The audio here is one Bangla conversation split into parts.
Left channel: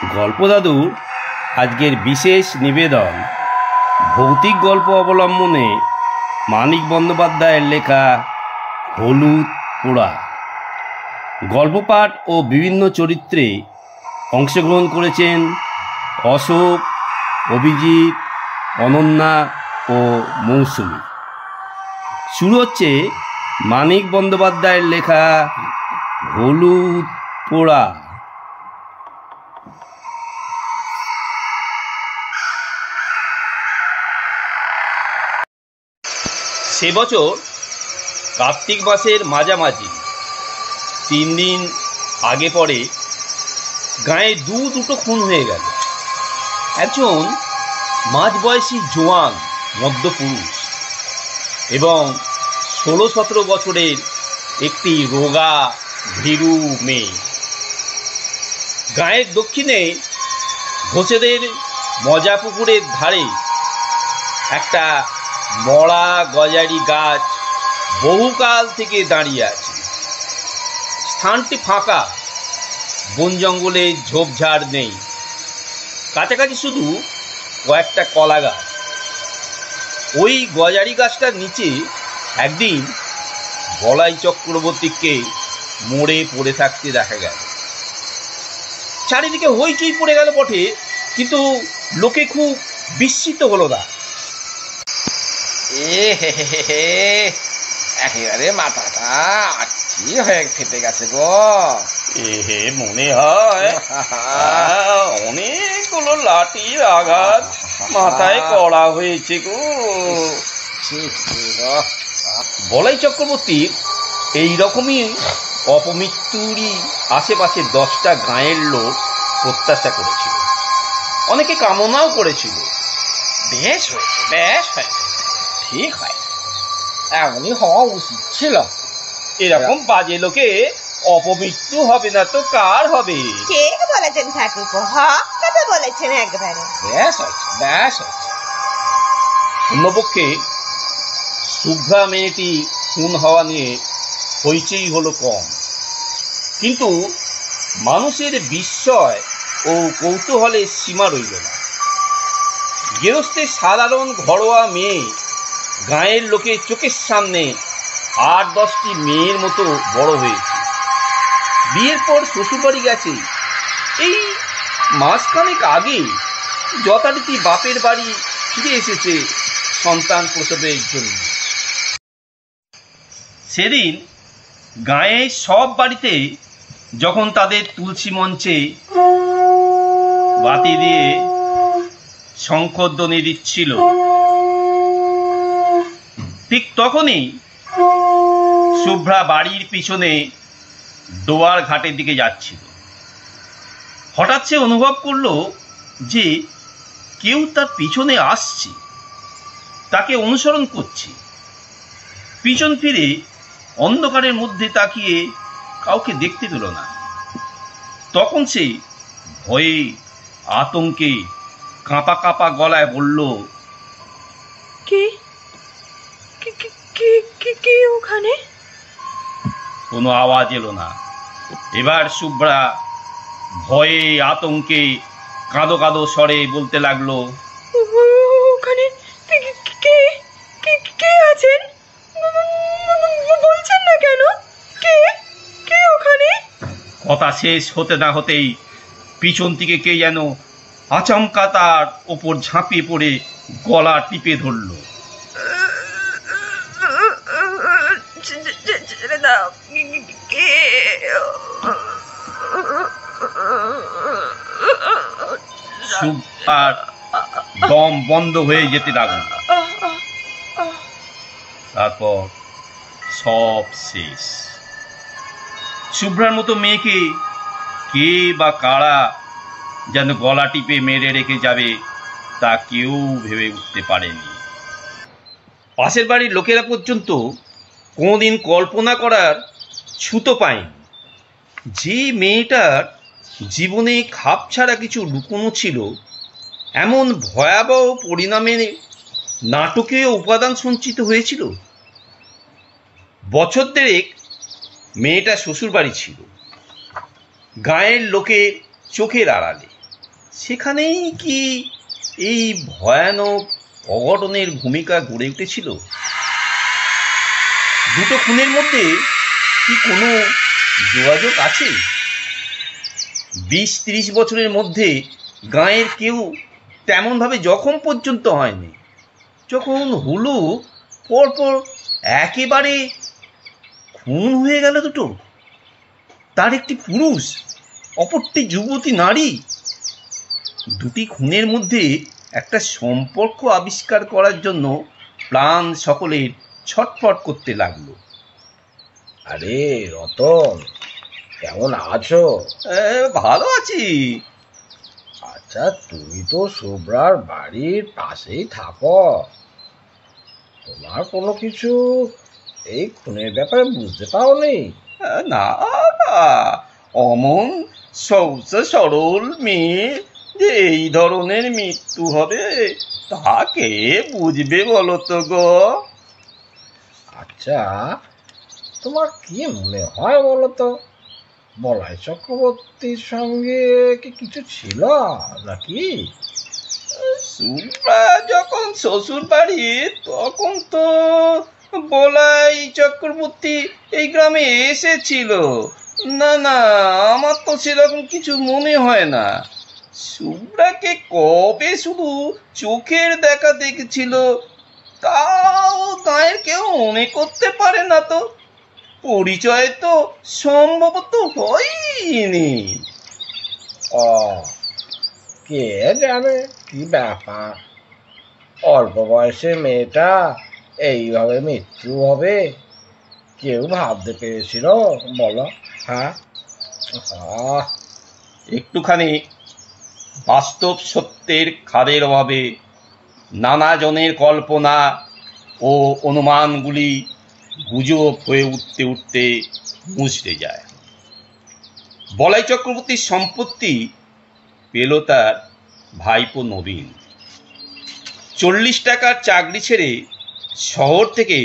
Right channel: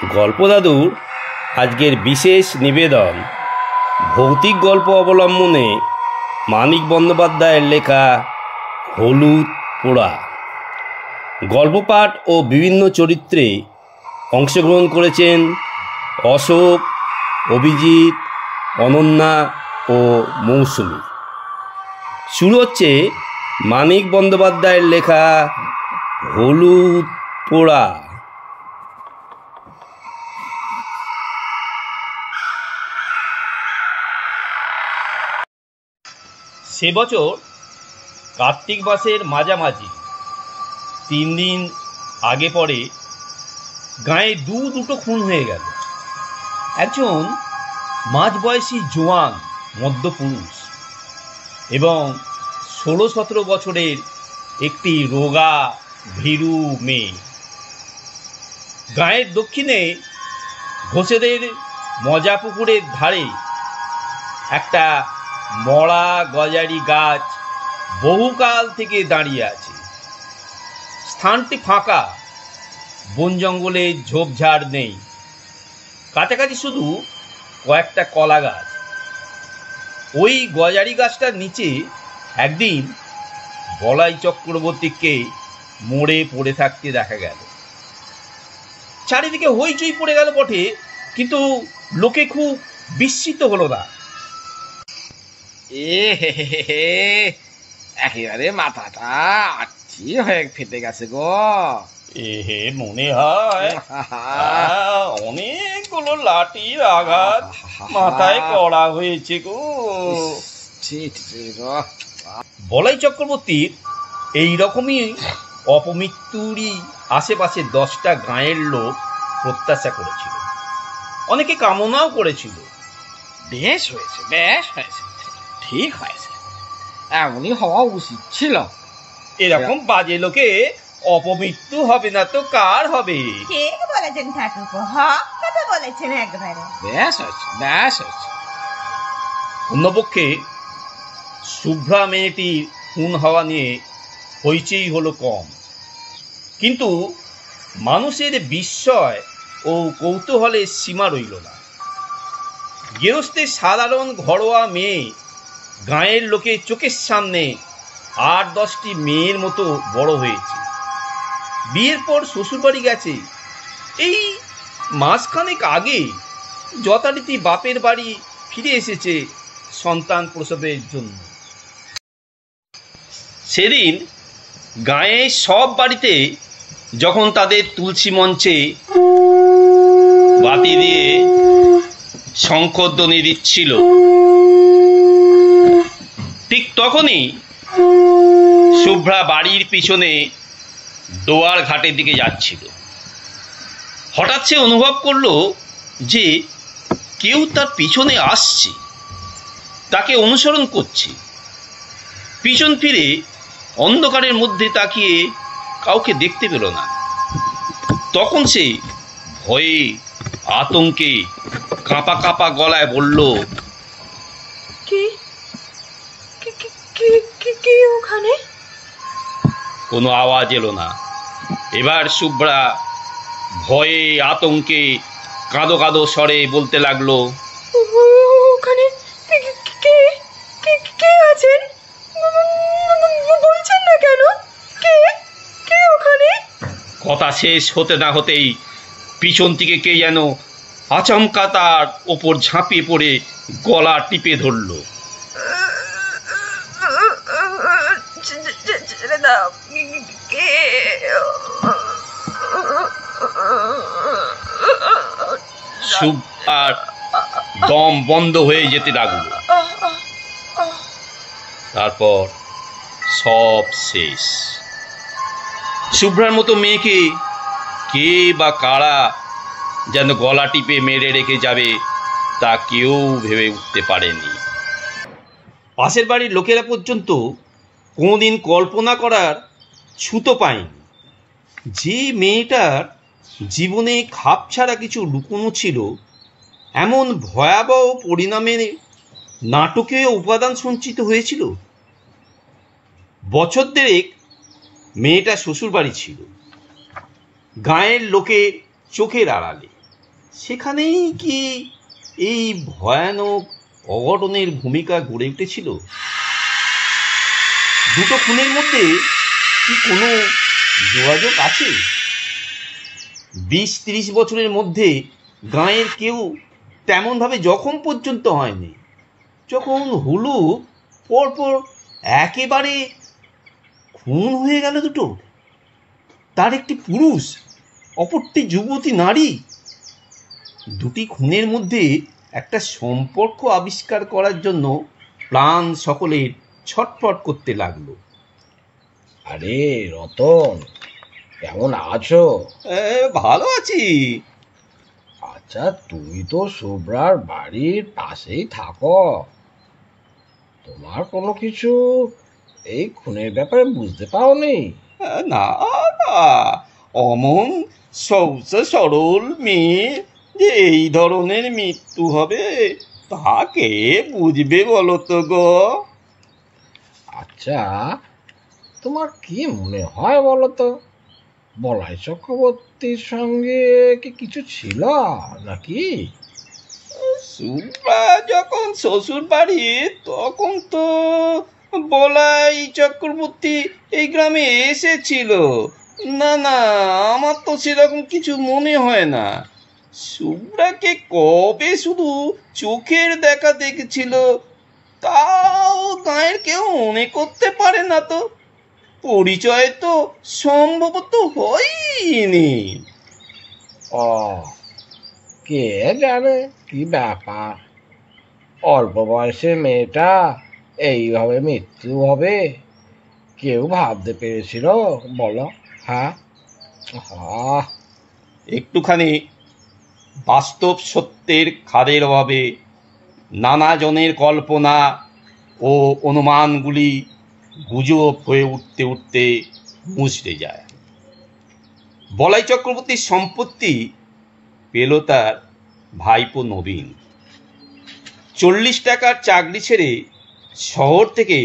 গল্প দাদু আজকের বিশেষ নিবেদন ভৌতিক গল্প অবলম্বনে মানিক বন্দ্যোপাধ্যায়ের লেখা হলুদ পোড়া। গল্প পাঠ ও বিভিন্ন চরিত্রে অংশগ্রহণ করেছেন অশোক, অভিজিৎ, অনন্যা ও মৌসুমী। শুরু হচ্ছে মানিক বন্দ্যোপাধ্যায়ের লেখা হলুদ পোড়া। সে বছর কার্তিক মাসের মাঝামাঝি 3 দিন আগে পরে গাঁয়ে দুটো খুন হয়ে গেল। একজন মাঝবয়সী জোয়ান মধ্যপুরুষ এবং 16-17 বছরের একটি রোগা ভীরু মেয়ে। গাঁয়ের দক্ষিণে ঘোষেদের মজা পুকুরের ধারে একটা মরা গজারি গাছ বহুকাল থেকে দাঁড়িয়ে আছে। স্থানটি ফাঁকা, বন জঙ্গলে ঝোপঝাড় নেই, কাছাকাছি শুধু কয়েকটা কলা গাছ। ওই গজারি গাছটার নিচে একদিন বলাই চক্রবর্তীকে মরে পড়ে থাকতে দেখা গেল। চারিদিকে হইচই পড়ে গেল বটে, কিন্তু লোকে খুব বিস্মিত হলো না। একেবারে মাথাটা আচ্ছি হয়ে ফেটে গেছে গো। মনে হয় অনেকগুলো লাঠির আঘাত মাথায় করা হয়েছে গো। বলাই চক্রবর্তীর এইরকমই অপমৃত্যুরই আশেপাশে 10টা গাঁয়ের লোক প্রত্যাশা করেছিল, অনেকে কামনাও করেছিল। বেশ হয়েছে, বেশ হয়েছে, ঠিক হয়েছে, এমনই হওয়া উচিত ছিল। এরকম বাজে লোকে অপমৃত্যু হবে না তো কার হবে? কে বলেছেন ঠাকুরপো? হক কথা বলেছেন একবারে। বেশ হয়েছে, বেশ হয়েছে। অন্যপক্ষে শুভ্রা মেয়েটি খুন হওয়া নিয়ে হইচই হলো কম, কিন্তু মানুষের বিস্ময় ও কৌতূহলের সীমা রইল না। গৃহস্থের সাধারণ ঘরোয়া মেয়ে গাঁয়ের লোকের চোখের সামনে 8-10টি মেয়ের মতো বড় হয়েছে। বিয়ের পর শ্বশুরবাড়ি গেছে। এই মাসখানেক আগে যথারীতি বাপের বাড়ি ফিরে এসেছে সন্তান প্রসবের জন্য। সেদিন গাঁয়ের সব বাড়িতে যখন তাদের তুলসী মঞ্চে বাতি দিয়ে শঙ্খধ্বনি দিচ্ছিল, ঠিক তখনই শুভ্রা বাড়ির পিছনে দোয়ার ঘাটের দিকে যাচ্ছিল। হঠাৎ সে অনুভব করলো যে কেউ তার পিছনে আসছে, তাকে অনুসরণ করছে। পিছন ফিরে অন্ধকারের মধ্যে তাকিয়ে কাউকে দেখতে পেল না। তখন সে ভয়ে আতঙ্কে কাঁপা কাঁপা গলায় বলল, কে ওখানে? কোনো আওয়াজ এলো না। এবার শুভ্রা ভয়ে আতঙ্কে কাঁদো কাঁদো স্বরে বলতে লাগলো, ওখানে কে আছেন? বলছেন না কেন? কে ওখানে? কথা শেষ হতে না হতেই পিছন থেকে কে যেন আচমকা তার ওপর ঝাঁপিয়ে পড়ে গলা টিপে ধরল। শুভ্রার দম বন্ধ হয়ে যেতে লাগলো। তারপর সব শেষ। শুভ্রার মতো মেয়েকে কে বা কারা যেন গলা টিপে মেরে রেখে যাবে তা কেউ ভেবে উঠতে পারেনি। পাশের বাড়ির লোকেরা পর্যন্ত কোনোদিন কল্পনা করার ছুতো পায়নি যে মেয়েটার জীবনে খাপ ছাড়া কিছু লুকোনো ছিল। এমন ভয়াবহ পরিণামে নাটকীয় উপাদান সঞ্চিত হয়েছিল। বছর দেড়েক মেয়েটা শ্বশুর বাড়ি ছিল, গাঁয়ের লোকের চোখের আড়ালে। সেখানেই কি এই ভয়ানক অঘটনের ভূমিকা গড়ে উঠেছিল? দুটো খুনের মধ্যে কি কোনো যোগাযোগ আছে? 20-30 বছরের মধ্যে গাঁয়ের কেউ তেমনভাবে জখম পর্যন্ত হয়নি। যখন হলো পরপর একেবারে খুন হয়ে গেল দুটো, তার একটি পুরুষ, অপরটি যুবতী নারী। দুটি খুনের মধ্যে একটা সম্পর্ক আবিষ্কার করার জন্য প্রাণ সকলের ছটফট করতে লাগলো। আরে রতন, কেমন আছো? ভালো আছি। আচ্ছা, তুমি তো শুভ্রার বাড়ির পাশেই থাকো, তোমার কোনো কিছু এই খুনের ব্যাপারে বুঝতে পারোনি? না না, অমন সহজ সরল মেয়ে যে এই ধরনের মৃত্যু হবে তাকে বুঝবে বলো তো গো? আচ্ছা, তোমার কি মনে হয় বলো তো, বলাই চক্রবর্তীর সঙ্গে কি কিছু ছিল নাকি? সুব্রা যখন শ্বশুর বাড়ি তখন তো বলাই চক্রবর্তী এই গ্রামে এসেছিল। না না, আমার তো সেরকম কিছু মনে হয় না। সুব্রাকে কবে শুধু চোখের দেখা দেখেছিল তাও গায়ের কেউ মনে করতে পারে না তো। পরিচয় তো সম্ভবত হয়নি। ও, কে জানে কি ব্যাপার, অল্প বয়সে মেয়েটা এইভাবে মৃত্যু হবে কেউ ভাবতে পেরেছিল বলো? হ্যাঁ, একটুখানি বাস্তব সত্যের খাদের অভাবে নানা জনের কল্পনা ও অনুমানগুলি গুজব হয়ে উঠতে উঠতে মুচড়ে যায়। বলাই চক্রবর্তীর সম্পত্তি পেল তার ভাইপো নবীন। 40 টাকার চাকরি ছেড়ে শহর থেকে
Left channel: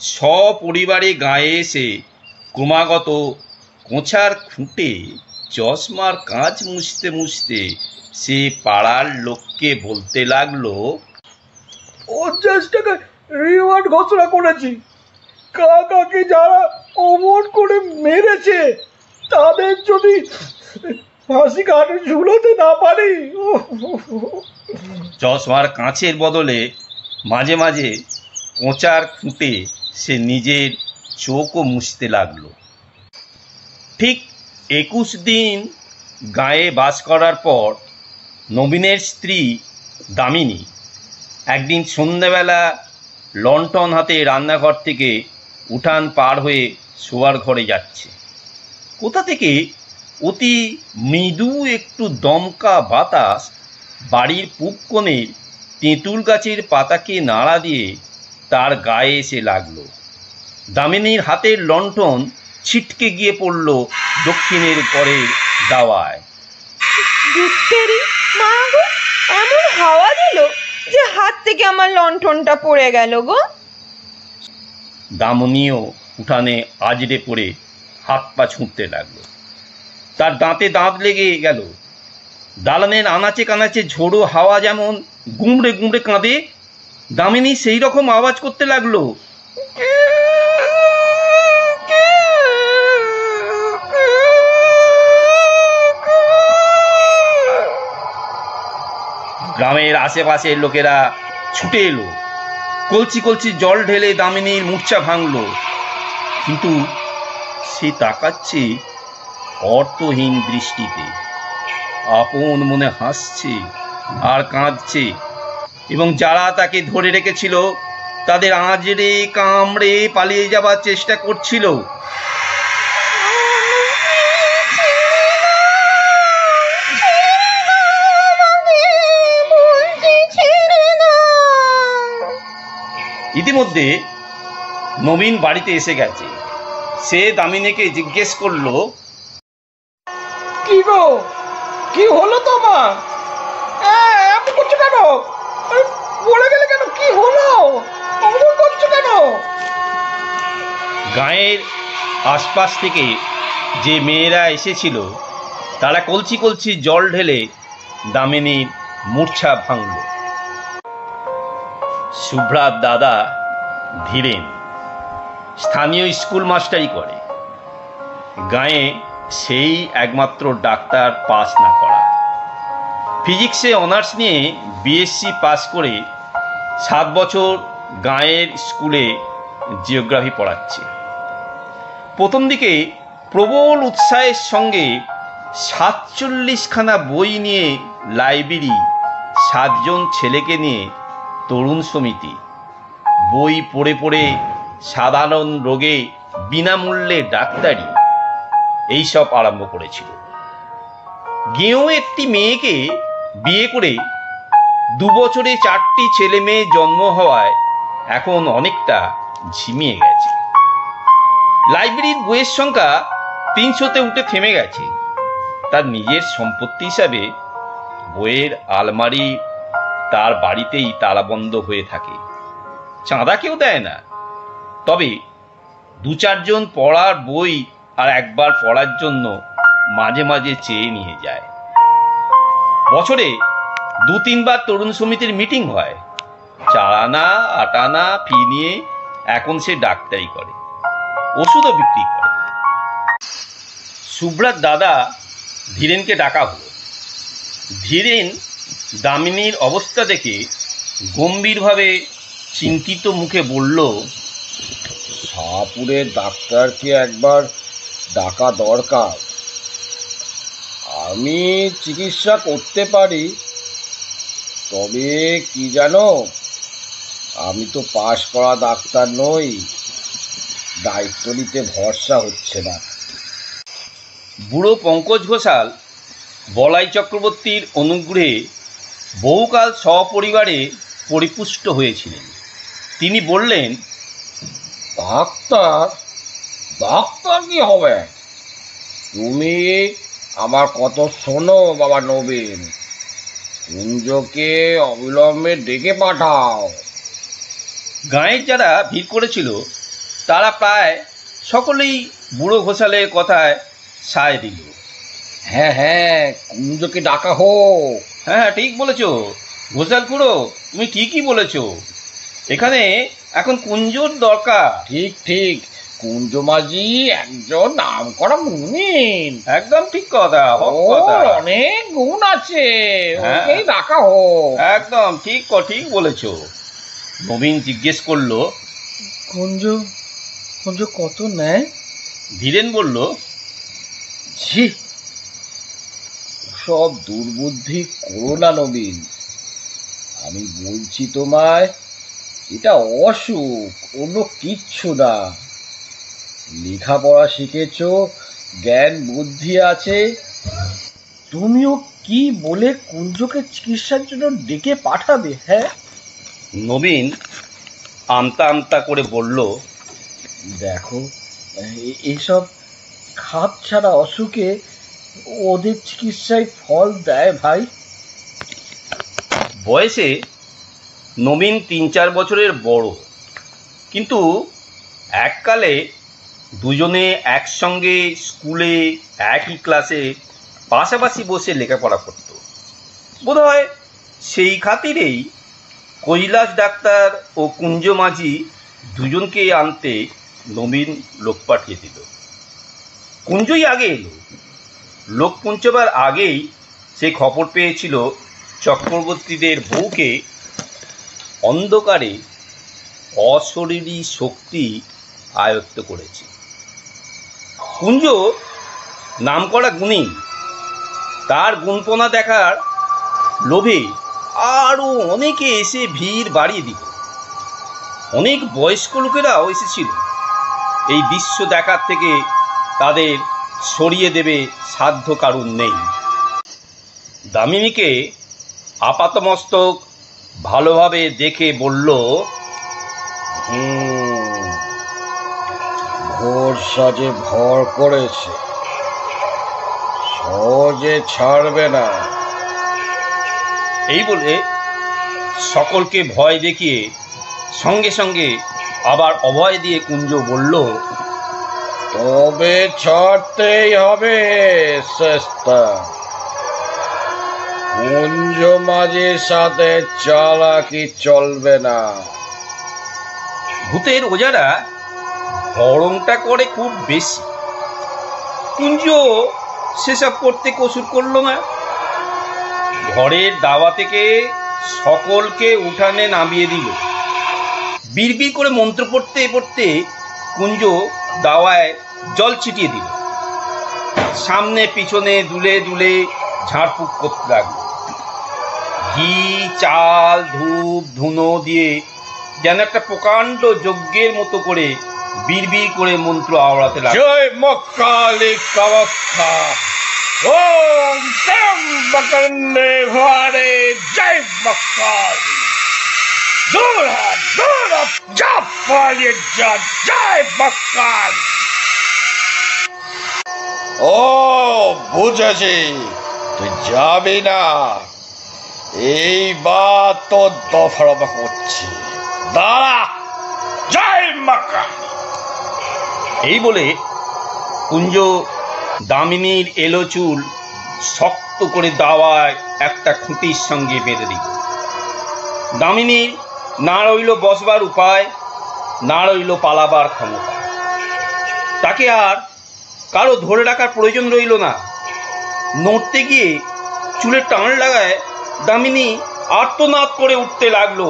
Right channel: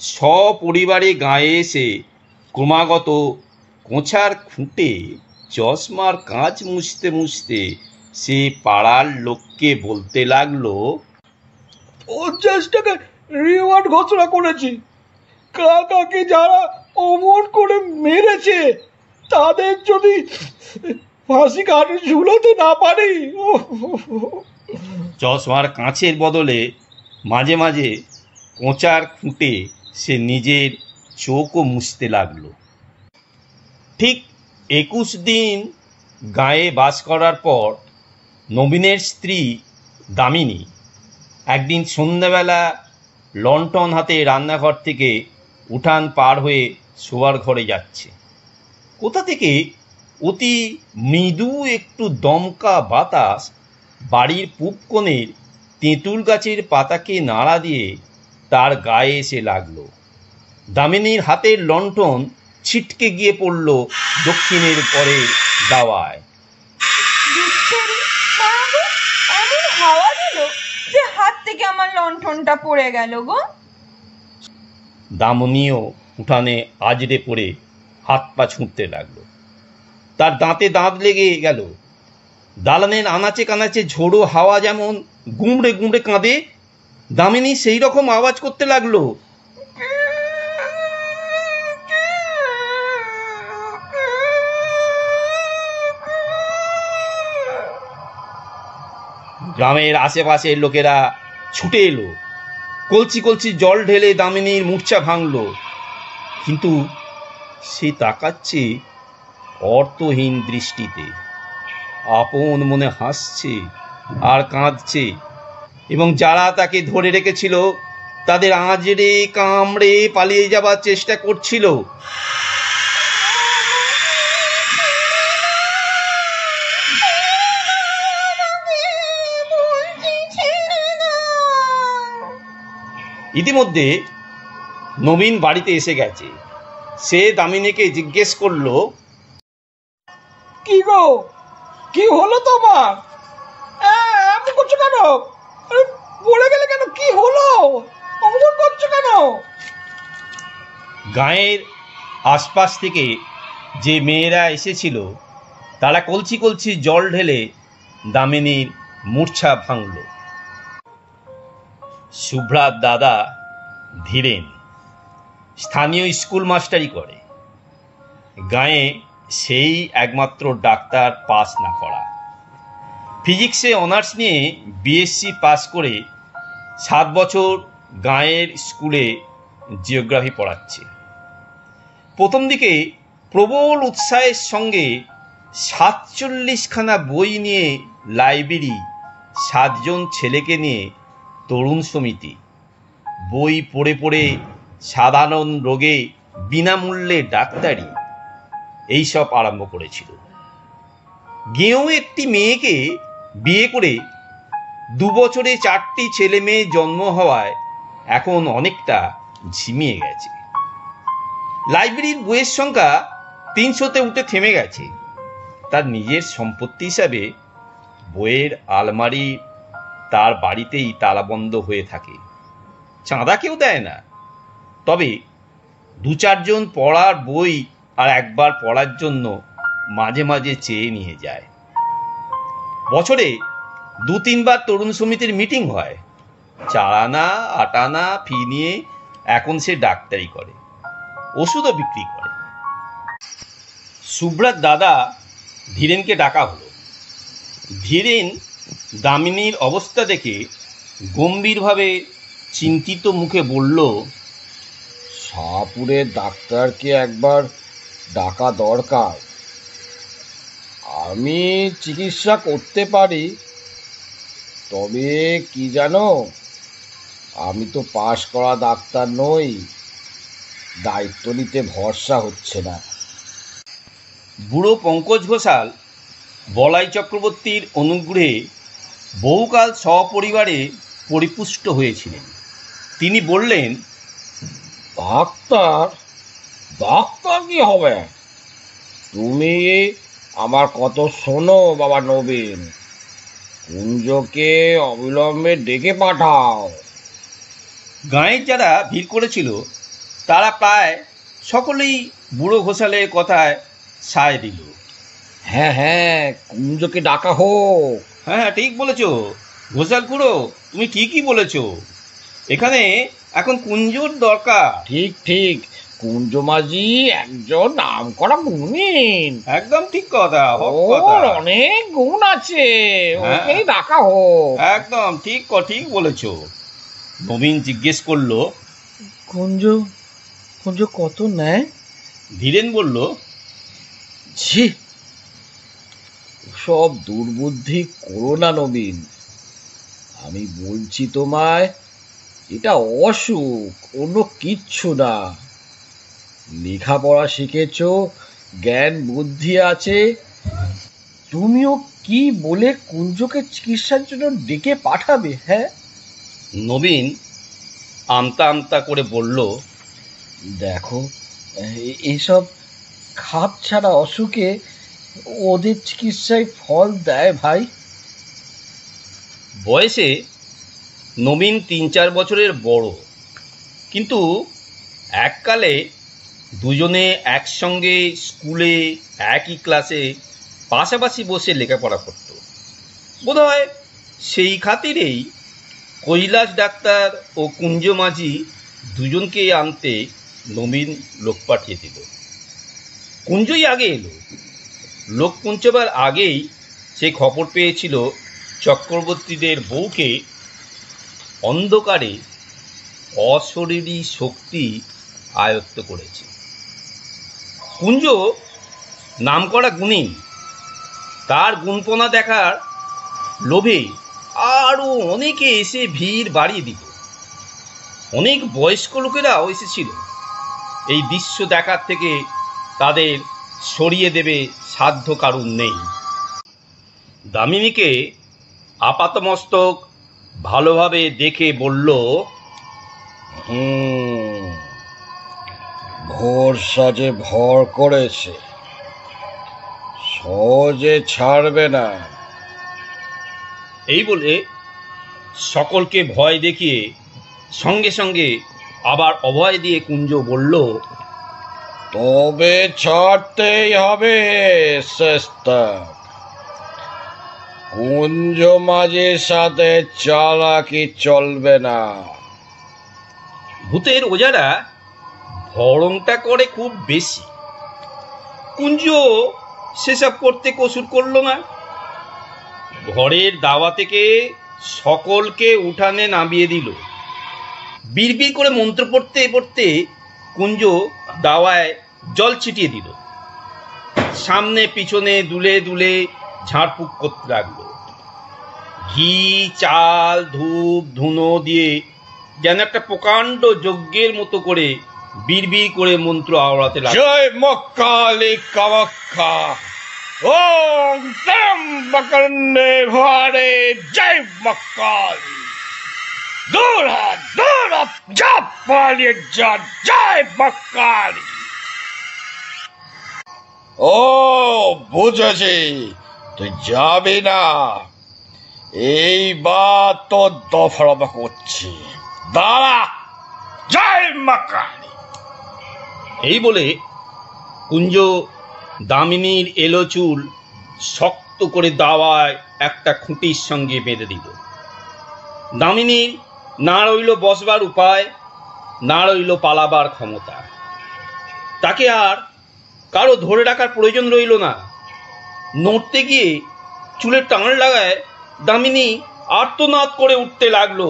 সপরিবারে গাঁয়ে এসে ক্রমাগত কোঁচার খুঁটে চশমার কাঁচ মুছতে মুছতে সে পাড়ার লোককে বলতে লাগলো, 50 টাকা রিওয়ার্ড ঘোষণা করেছি, কাকাকে যারা অমর করে মেরেছে তাদের যদি ফাঁসি কাঠে ঝুলোতে না পারি। চশমার কাঁচের বদলে মাঝে মাঝে কোঁচার খুঁটে সে নিজের চোখও মুছতে লাগলো। ঠিক 21 দিন গাঁয়ে বাস করার পর নবীনের স্ত্রী দামিনী একদিন সন্ধ্যাবেলা লণ্ঠন হাতে রান্নাঘর থেকে উঠান পার হয়ে শোয়ার ঘরে যাচ্ছে। কোথা থেকে অতি মৃদু একটু দমকা বাতাস বাড়ির পূব কোণে তেঁতুল গাছের পাতাকে নাড়া দিয়ে তার গায়ে এসে লাগলো। দামিনীর হাতের লণ্ঠন ছিটকে গিয়ে পড়ল দক্ষিণের পরের দাওয়ায়। এমন হাওয়া দিল যে হাত থেকে আমার লণ্ঠনটা পড়ে গেল গো। দামিনীও উঠানে আজড়ে পড়ে হাত পা ছুঁড়তে লাগলো। তার দাঁতে দাঁত লেগে গেল। দালানের আনাচে কানাচে ঝোড়ো হাওয়া যেমন গুমড়ে গুমড়ে কাঁদে, দামিনী সেই রকম আওয়াজ করতে লাগলো। গ্রামের আশেপাশের লোকেরা ছুটে এলো, কলসি কলসি জল ঢেলে দামিনীর মূর্ছা ভাঙল। কিন্তু সে তাকাচ্ছে অর্থহীন দৃষ্টিতে, আপন মনে হাসছে আর কাঁদছে, এবং যারা তাকে ধরে রেখেছিল তাদের আঁচড়ে কামড়ে পালিয়ে যাবার চেষ্টা করছিল। ইতিমধ্যে নবীন বাড়িতে এসে গেছে। সে দামিনীকে জিজ্ঞেস করলো, কি গো, কি হলো তোমার? এমন করছো কেন? বলে গেলে কেন? কি হলো? অমন করছো কেন? গাঁয়ের আশপাশ থেকে যে মেয়েরা এসেছিল তারা কলসি কলসি জল ঢেলে দামিনীর মূর্ছা ভাঙল। শুভ্রার দাদা ধীরেন স্থানীয় স্কুল মাস্টারি করে। গাঁয়ে সেই একমাত্র ডাক্তার পাস না করা। ফিজিক্সে অনার্স নিয়ে বিএসসি পাস করে 7 বছর গাঁয়ের স্কুলে জিওগ্রাফি পড়াচ্ছে। প্রথম দিকে প্রবল উৎসাহের সঙ্গে 47খানা বই নিয়ে লাইব্রেরি, 7 জন ছেলেকে নিয়ে তরুণ সমিতি, বই পড়ে পড়ে সাধারণ রোগে বিনামূল্যে ডাক্তারি, এইসব আরম্ভ করেছিল। গেঁয়ো একটি মেয়েকে বিয়ে করে 2 বছরে 4টি ছেলে মেয়ে জন্ম হওয়ায় এখন অনেকটা ঝিমিয়ে গেছে। লাইব্রেরির বইয়ের সংখ্যা 300-তে উঠে থেমে গেছে। তার নিজের সম্পত্তি হিসাবে বইয়ের আলমারি তার বাড়িতেই তালাবন্ধ হয়ে থাকে, চাঁদা কেউ দেয় না। তবে 2-4 জন পড়ার বই আর একবার পড়ার জন্য মাঝে মাঝে চেয়ে নিয়ে যায়। বছরে 2-3 বার তরুণ সমিতির মিটিং হয়। 4 আনা 8 আনা ফি নিয়ে এখন সে ডাক্তারি করে, ওষুধও বিক্রি করে। শুভ্রার দাদা ধীরেনকে ডাকা হলো। ধীরেন দামিনীর অবস্থা দেখে গম্ভীরভাবে চিন্তিত মুখে বলল, শাহপুরের ডাক্তারকে একবার ডাকা দরকার। আমি চিকিৎসা করতে পারি, তবে কি জানো, আমি তো পাশ করা ডাক্তার নই, দায়িত্ব নিতে ভরসা হচ্ছে না। বুড়ো পঙ্কজ ঘোষাল বলাই চক্রবর্তীর অনুগ্রহে বহুকাল সপরিবারে পরিপুষ্ট হয়েছিলেন। তিনি বললেন, ডাক্তার ডাক্তার কি হবে? তুমি আমার কত শোনো বাবা নবীন, কুঞ্জকে অবিলম্বে ডেকে পাঠাও। গাঁয়ের যারা ভিড় করেছিল তারা প্রায় সকলেই বুড়ো ঘোষালের কথায় সায় দিল। হ্যাঁ হ্যাঁ, কুঞ্জকে ডাকা হোক। হ্যাঁ, ঠিক বলেছ ঘোষাল খুড়ো, তুমি ঠিকই বলেছ। এখানে এখন কুঞ্জর দরকার। ঠিক ঠিক, কুঞ্জ মাঝি একজন নামকরা গুণীন। একদম ঠিক কথা, ওর অনেক গুণ আছে, ওকেই ডাকা হোক। একদম ঠিক ঠিক বলেছ। নবীন জিজ্ঞেস করলো, কুঞ্জ কুঞ্জ কত নেয়? ধীরেন বলল, ছি, সব দুর্বুদ্ধি করো না নবীন। আমি বলছি তোমায়, এটা অসুখ, অন্য কিচ্ছু না। লেখাপড়া শিখেছ, জ্ঞান বুদ্ধি আছে, তুমিও কি বলে কুঞ্জকে চিকিৎসার জন্য ডেকে পাঠাবে? হ্যাঁ, নবীন আমতা আমতা করে বলল, দেখো, এইসব খাপ ছাড়া অসুখে ওদের চিকিৎসায় ফল দেয় ভাই। বয়সে নবীন 3-4 বছরের বড়, কিন্তু এককালে দুজনে একসঙ্গে স্কুলে একই ক্লাসে পাশাপাশি বসে লেখাপড়া করত। বোধহয় সেই খাতিরেই কৈলাস ডাক্তার ও কুঞ্জ মাঝি দুজনকে আনতে নবীন লোক পাঠিয়ে দিল। কুঞ্জই আগে এলো। লোক পৌঁছবার আগেই সে খবর পেয়েছিল চক্রবর্তীদের বউকে অন্ধকারে অশরীরী শক্তি আয়ত্ত করেছে। কুঞ্জ নামকরা গুণী, তার গুণপনা দেখার লোভে আরও অনেকে এসে ভিড় বাড়িয়ে দিল। অনেক বয়স্ক লোকেরাও এসেছিল। এই দৃশ্য দেখার থেকে তাদের সরিয়ে দেবে সাধ্য কারণ নেই। দামিনীকে আপাতমস্তক ভালোভাবে দেখে বলল, ভোর সাজে ভর করেছে, সহজে ছাড়বে না। এই বলে সকলকে ভয় দেখিয়ে সঙ্গে সঙ্গে আবার অভয় দিয়ে কুঞ্জ বলল, তবে ছাড়তেই হবে চেষ্টা। কুঞ্জ মাঝির সাথে চালাকি চলবে না। ভূতের ওজারা ভরংটা করে খুব বেশি। কুঞ্জ সেসব করতে কসুর করলো না। ঘরের দাওয়া থেকে সকলকে উঠানে নামিয়ে দিল। বিড়বিড় করে মন্ত্র পড়তে পড়তে কুঞ্জ দাওয়ায় জল ছিটিয়ে দিল। সামনে পিছনে দুলে দুলে ঝাড়ফুঁক করতে লাগলো। ঘি, চাল, ধূপ, ধুনো দিয়ে যেন একটা প্রকাণ্ড যজ্ঞের মতো করে বিড়বিড় করে মন্ত্র আওড়াতে লাগলো। জয় মা কালী কামাখ্যা, ওম ত্র্যম্বকরণে ভারে, জয় মা কালী। দূর হাত, যা পালিয়ে যা, জয় মা কালী। ও বুঝেছি, তুই যাবি না। এইবার তো দফারফা করছি, দাঁড়া। জয় মা কালী। এই বলে কুঞ্জ দামিনীর এলো চুল শক্ত করে দাওয়ায় একটা খুঁটির সঙ্গে বেঁধে দিল। দামিনীর না রইল বসবার উপায়, না রইল পালাবার ক্ষমতা। তাকে আর কারো ধরে রাখার প্রয়োজন রইল না। নড়তে গিয়ে চুলে টান লাগায় দামিনী আর্তনাদ করে উঠতে লাগলো।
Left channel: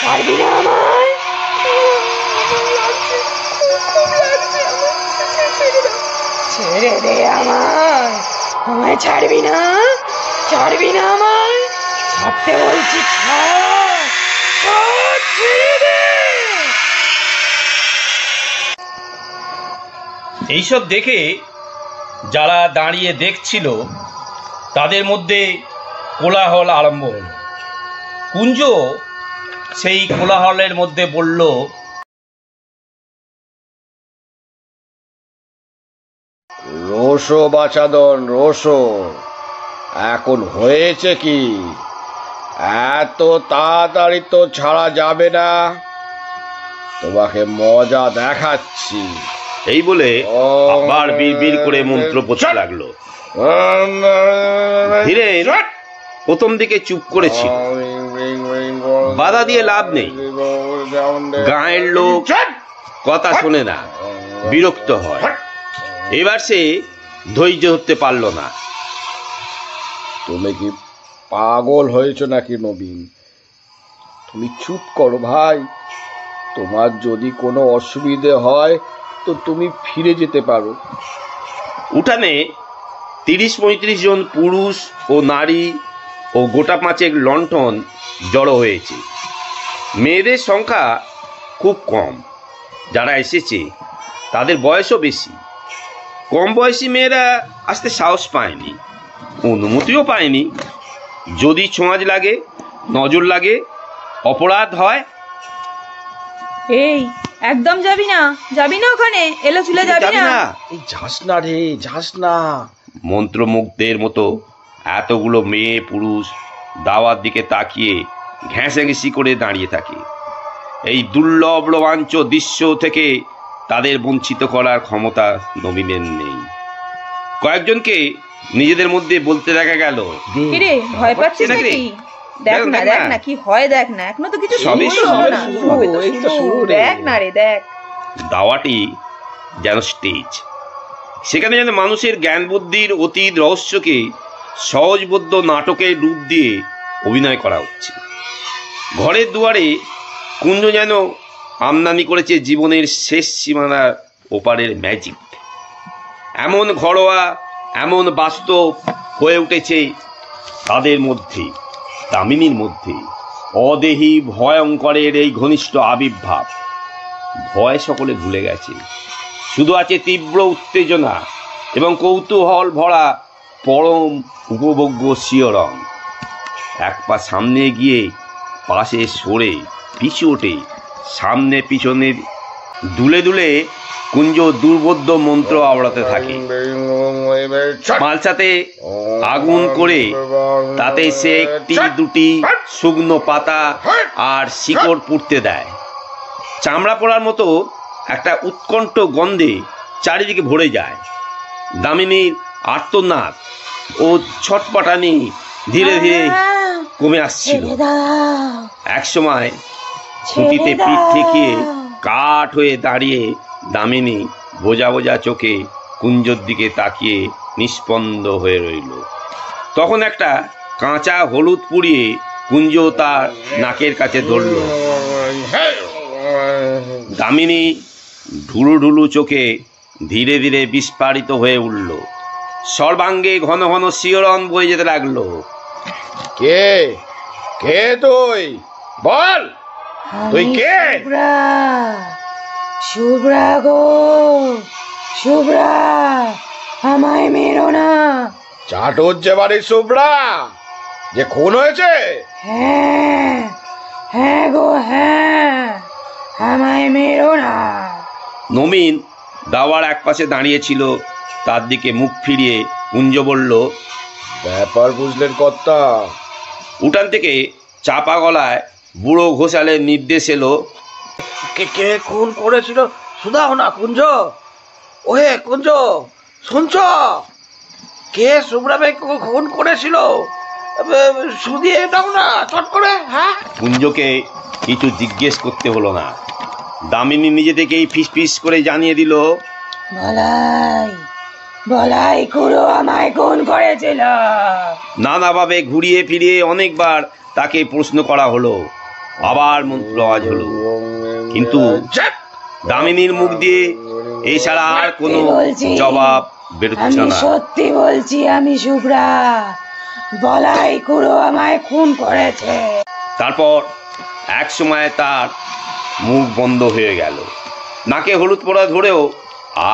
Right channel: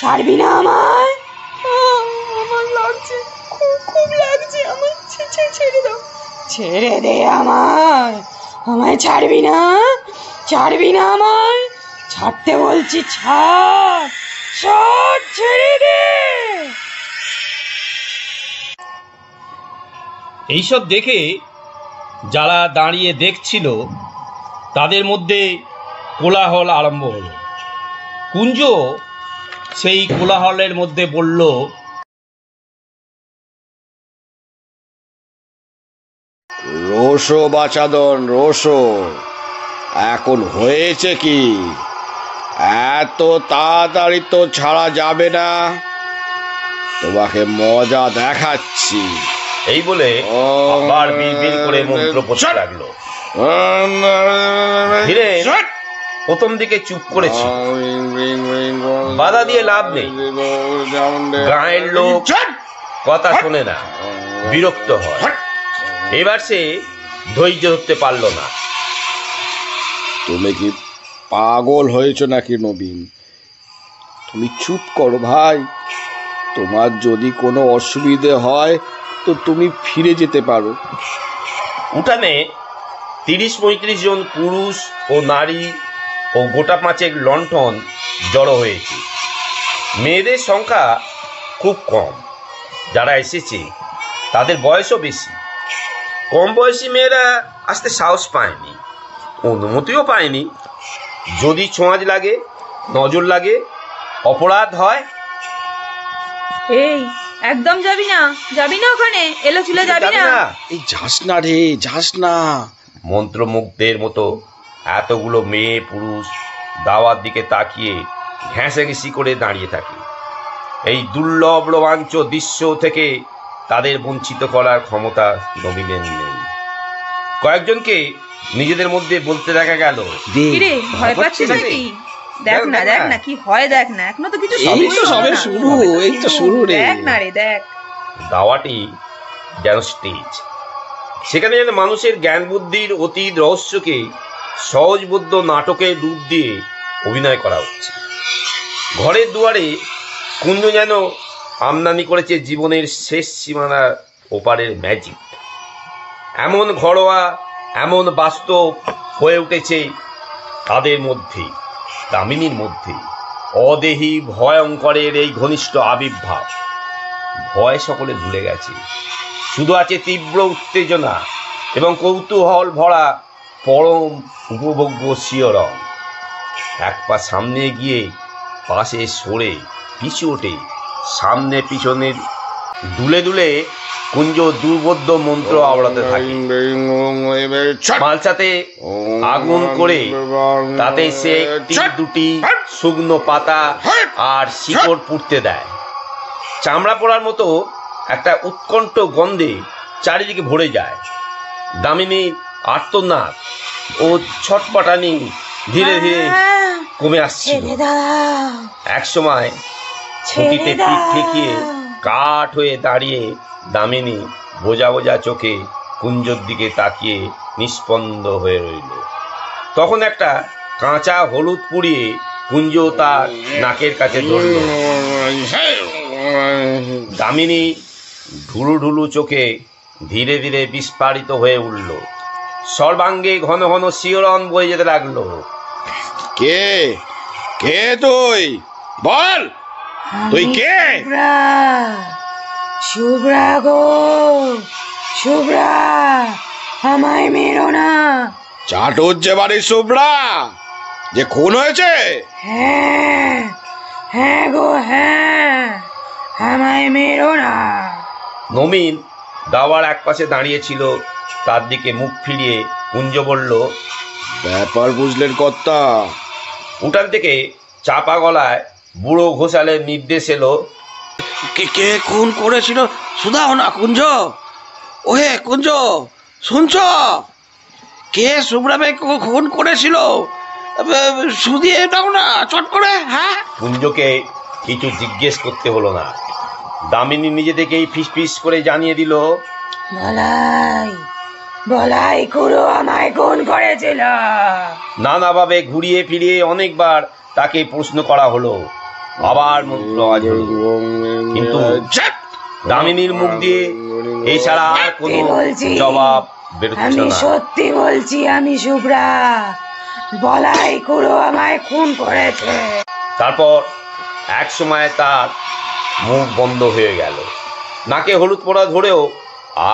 ছাড়বি না আমায়, আমার লাগছে, খুব লাগছে আমার, ছেড়ে দে আমায়, আমায় ছাড়বি না, ছাড়বি না আমায়, ছাড়তে বলছি, ছাড়, ছেড়ে দে। এইসব দেখে যারা দাঁড়িয়ে দেখছিল তাদের মধ্যে কোলাহল আরম্ভ হলো। কুঞ্জ সেই কোলাহলের মধ্যে বলল, রোশো বাচাদন, রোশো। এখন হয়েছে কি? এত তাড়াতাড়ি তো ছাড়া যাবে না, তোমাকে মজা দেখাচ্ছি। এই বলে আবার বিড়বিড় করে মন্ত্র পড়তে লাগলো। ধীরেন প্রথম দিকে চুপ করেছিল, বাধা দিয়ে লাভ নেই। গাঁয়ের লোক কথা শোনে না, বিরক্ত হয়। এবার সে ধৈর্য ধরতে পারল না। তুমি কি পাগল হয়েছ নাকি নবীন? তুমি চুপ করো ভাই। তোমার যদি কোনো অসুবিধে হয় তো তুমি ফিরে যেতে পারো। উঠানে ৩০-৩৫ জন পুরুষ ও নারী ও গোটা পাঁচেক লণ্ঠন জড়ো হয়েছে। মেয়েদের সংখ্যা খুব কম। যারা এসেছে তাদের বয়সও বেশি। কম বয়সী মেয়েরা আসতে সাহস পায়নি, অনুমতিও পায়নি। যদি ছোঁয়াচ লাগে, নজর লাগে, অপরাধ হয়। এই একদম যাবি না, যাবি না ওখানে, এলো চুলে যাবি না। এই যাস না রে, যাস না। মন্ত্রমুগ্ধের মতো এতগুলো মেয়ে পুরুষ দাওয়ার দিকে তাকিয়ে ঘেঁষাঘেঁষি করে দাঁড়িয়ে থাকে। এই দুর্লভ রোমাঞ্চ দৃশ্য থেকে তাদের বঞ্চিত করার ক্ষমতা নবীনের নেই। কয়েকজনকে নিজেদের মধ্যে বলতে দেখা গেল, কিরে ভয় পাচ্ছিস নাকি? দেখ না, দেখ না কি হয়, দেখ না, এখনো তো কিছু শুরু, দেখ না রে, দেখ। দাওয়াটি যেন স্টেজ, সেখানে যেন মানুষের জ্ঞান বুদ্ধির অতীত রহস্যকে সহজবোধ্য নাটকের রূপ দিয়ে অভিনয় করা হচ্ছে। ঘরের দুয়ারে কুঞ্জ যেন আমদানি করেছে জীবনের শেষ সীমানার ওপারের ম্যাজিক। এমন ঘরোয়া, এমন বাস্তব হয়ে উঠেছে তাদের মধ্যে, দামিনীর মধ্যে অদেহী ভয়ঙ্করের এই ঘনিষ্ঠ আবির্ভাব। ভয় সকলে ভুলে গেছে, শুধু আছে তীব্র উত্তেজনা এবং কৌতূহল ভরা পরম উপভোগ্য শিহরণ। এক পা সামনে গিয়ে পাশে সরে পিছু ওঠে, সামনে পিছনে দুলে দুলে কুঞ্জ দুর্বোধ্য মন্ত্র আওড়াতে থাকে। মালসাতে আগুন করে তাতে সে একটি দুটি শুকনো পাতা আর শিকড় পুড়তে দেয়। চামড়া পোড়ার মতো একটা উৎকণ্ঠ গন্ধে চারিদিকে ভরে যায়। দামিনীর আর্তনাদ ও ছটপটানি ধীরে ধীরে কমে আসছিল। একসময় ছুটিতে পিঠ ঠেকিয়ে কাঠ হয়ে দাঁড়িয়ে দামিনী বোঝা বোঝা চোখে কুঞ্জর দিকে তাকিয়ে নিস্পন্দ হয়ে রইল। তখন একটা কাঁচা হলুদ পুড়িয়ে কুঞ্জ তার নাকের কাছে ধরল। দামিনী ঢুলু ঢুলু চোখে ধীরে ধীরে বিস্ফারিত হয়ে উঠল। সর্বাঙ্গে ঘন ঘন শিহরণ বয়ে যেতে লাগলো। কে কে তুই? বল, তুই কে? শুভ্রা গো, শুভ্রা, আমায় মেরো না। চাটুর যে বাড়ির শুভ্রা যে খুন হয়েছে? হ্যাঁ হ্যাঁ গো হ্যাঁ, আমায় মেরো না। নবীন দাওয়ার এক পাশে দাঁড়িয়েছিল, তার দিকে মুখ ফিরিয়ে কুঞ্জ বলল, ব্যাপার বুঝলেন কর্তা? উঠান থেকে চাপা গলায় বুড়ো ঘোষালের নির্দেশ এলো, কে কে খুন করেছিল শুধাও না কুঞ্জ। ওহে কুঞ্জ, শুনছ? কে শুভ্রাকে খুন করেছিল? শুধিয়ে দাও না চট করে। হ্যাঁ, কুঞ্জকে কিছু জিজ্ঞেস করতে হলো না। দামিনী নিজে থেকেই ফিস ফিস করে জানিয়ে দিল, বলাই বলাই খুড়ো আমায় খুন করেছিল। নানাভাবে ঘুরিয়ে ফিরিয়ে অনেকবার তাকে প্রশ্ন করা হলো, আবার মন্ত্র আওয়াজ হলো, কিন্তু দামিনীর মুখ দিয়ে এছাড়া আর কোনো জবাব বেরোচ্ছে আমি না। সত্যি বলছি, আমি শুভ্রা, বলাই খুড়ো আমায় খুন করেছে। তারপর এক সময় তার মুখ বন্ধ হয়ে গেল, নাকে হলুদ পোড়া ধরেও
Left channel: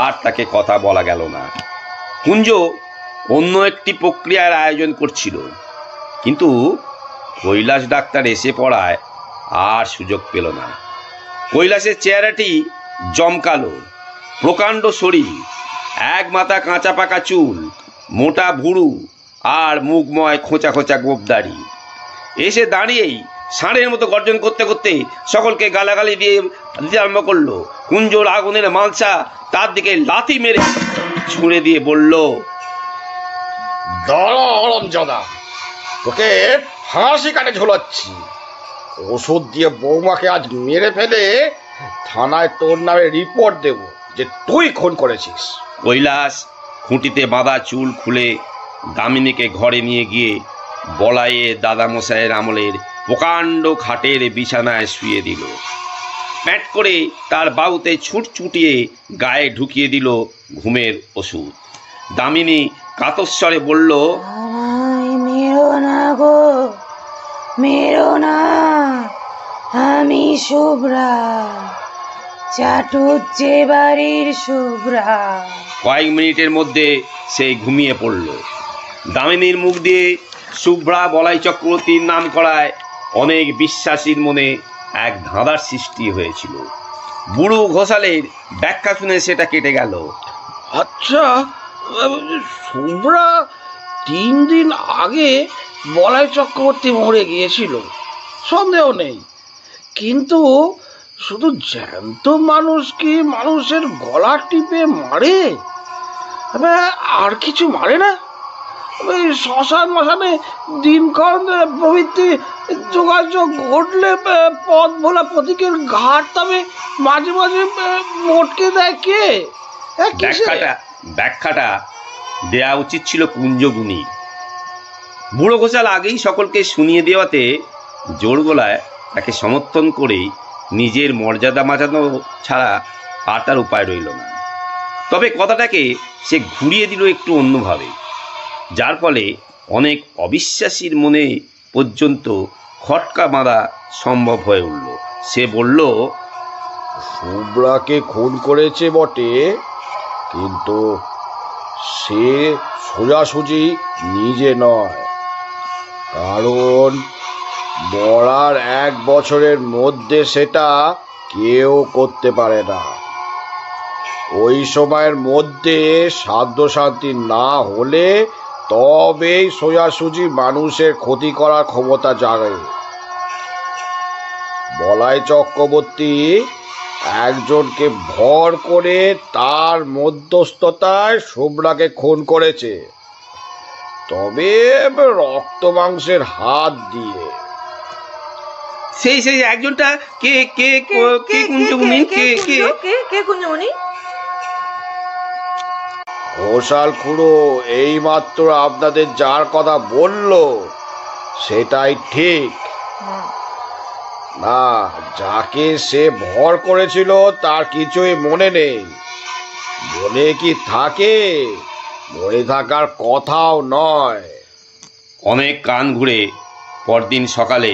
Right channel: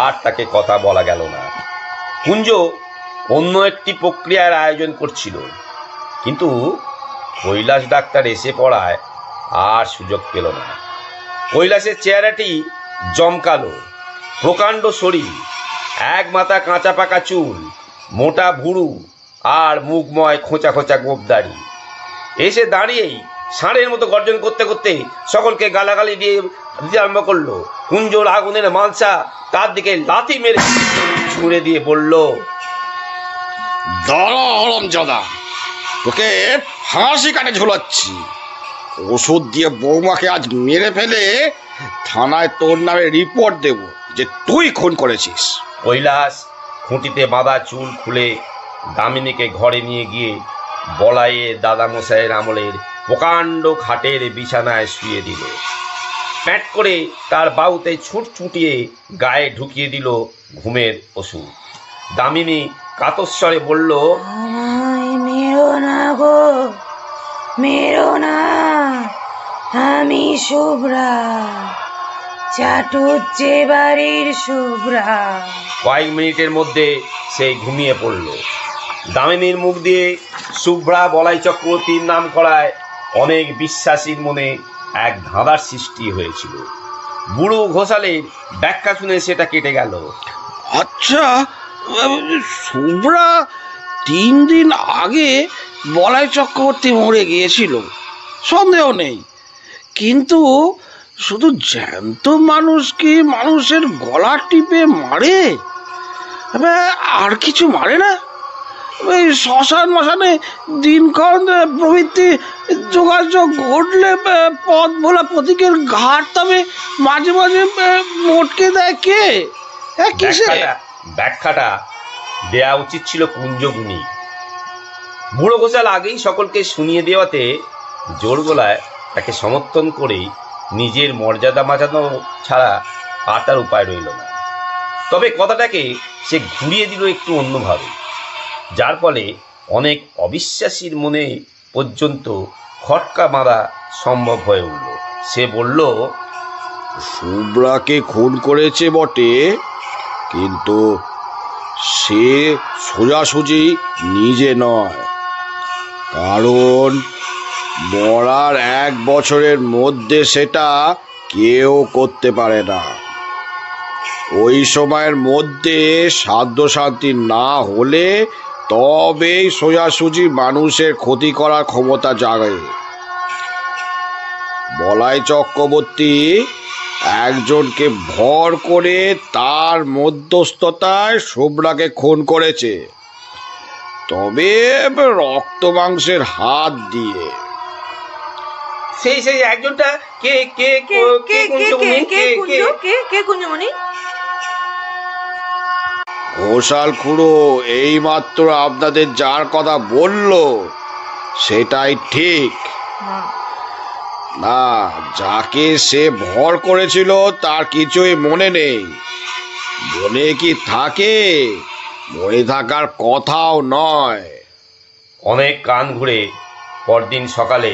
আর তাকে কথা বলা গেল না। কুঞ্জ অন্য একটি প্রক্রিয়ার আয়োজন করছিল, কিন্তু কৈলাস ডাক্তার এসে পড়ায় আর সুযোগ পেল না। কৈলাসের চেহারাটি জমকালো, প্রকাণ্ড শরীর, এক মাথা কাঁচা পাকা চুল, মোটা ভুরু আর মুখময় খোঁচা খোঁচা গোপদাড়ি। এসে দাঁড়িয়েই ষাঁড়ের মতো গর্জন করতে করতে সকলকে গালাগালি দিয়ে দিতে আরম্ভ করলো। কুঞ্জর আগুনের মালসা তার দিকে লাথি মেরে ছুঁড়ে দিয়ে বলল, দাঁড়া হরমজাদা, তোকে ফাঁসি কাটে ঝোলাচ্ছি। ওষুধ দিয়ে বৌমাকে আজ মেরে ফেলে থানায় তোর নামে রিপোর্ট দেব যে তুই খুন করেছিস। কৈলাস খুঁটিতে বাঁধা চুল খুলে দামিনীকে ঘরে নিয়ে গিয়ে বলাইয়ে দাদামশাইয়ের আমলের প্রকাণ্ড খাটের বিছানায় শুয়ে দিল। প্যাট করে তার বাহুতে ছুটছুটিয়ে গায়ে ঢুকিয়ে দিল ঘুমের ওষুধ। দামিনী কাতস্বরে বলল, আমায় মেরো না গো, মেরো না, আমি শুভ্রা, চাটুর যে বাড়ির শুভ্রা। কয়েক মিনিটের মধ্যে সে ঘুমিয়ে পড়ল। দামিনীর মুখ দিয়ে শুভ্রা বলাই চক্রবর্তীর নাম করায় অনেক বিশ্বাসীর মনে এক ধাঁধার সৃষ্টি হয়েছিল। বুড়ো ঘোষালের ব্যাখ্যা শুনে সেটা কেটে গেল। আচ্ছা, শুভ্রা 3 দিন আগে বলাই চক্রবর্তী মরে গিয়েছিল, সন্দেহ নেই, কিন্তু শুধু জ্যান্ত মানুষ কি মানুষের গলা টিপে মারে? আর কিছু মারে না? শ্মশান মশানে দিনক্ষণ প্রভৃতি যোগাযোগ ঘটলে পথ ভোলা প্রতীকের ঘাট তবে মাঝে মাঝে মোটকে দেয় কে? ব্যাখ্যাটা দেয়া উচিত ছিল কুঞ্জগুনি। বুড়ো ঘোষাল আগেই সকলকে শুনিয়ে দেওয়াতে জোর গলায় তাকে সমর্থন করেই নিজের মর্যাদা বাঁচানো ছাড়া আর তার উপায় রইল না। তবে কথাটাকে সে ঘুরিয়ে দিল একটু অন্যভাবে, যার ফলে অনেক অবিশ্বাসীর মনে পর্যন্ত খটকা বাঁধা সম্ভব হয়ে উঠল। সে বলল, শুভ্রাকে খুন করেছে বটে, কিন্তু সে সোজাসুজি নিজে নয়, কারণ মরার 1 বছরের মধ্যে সেটা কেউ করতে পারে না। ওই সময়ের মধ্যে সাধ্য শান্তি না হলে তবেই সোজাসুজি মানুষের ক্ষতি করার ক্ষমতা জাগে। বলাই চক্রবর্তী একজনকে ভর করে তার মধ্যস্থতায় শুভ্রাকে খুন করেছে, তবে রক্ত মাংসের হাত দিয়ে। সেই সেই একজনটা কে কে কে কে কে কে কে কুঞ্জ কে কে কুঞ্জমণি? ঘোষাল খুড়ো এইমাত্র আপনাদের যার কথা বলল সেটাই ঠিক। না, যাকে সে ভর করেছিল তার কিছুই মনে নেই। মনে কি থাকে? মনে থাকার কথাও নয়। অনেক কান ঘুরে পরদিন সকালে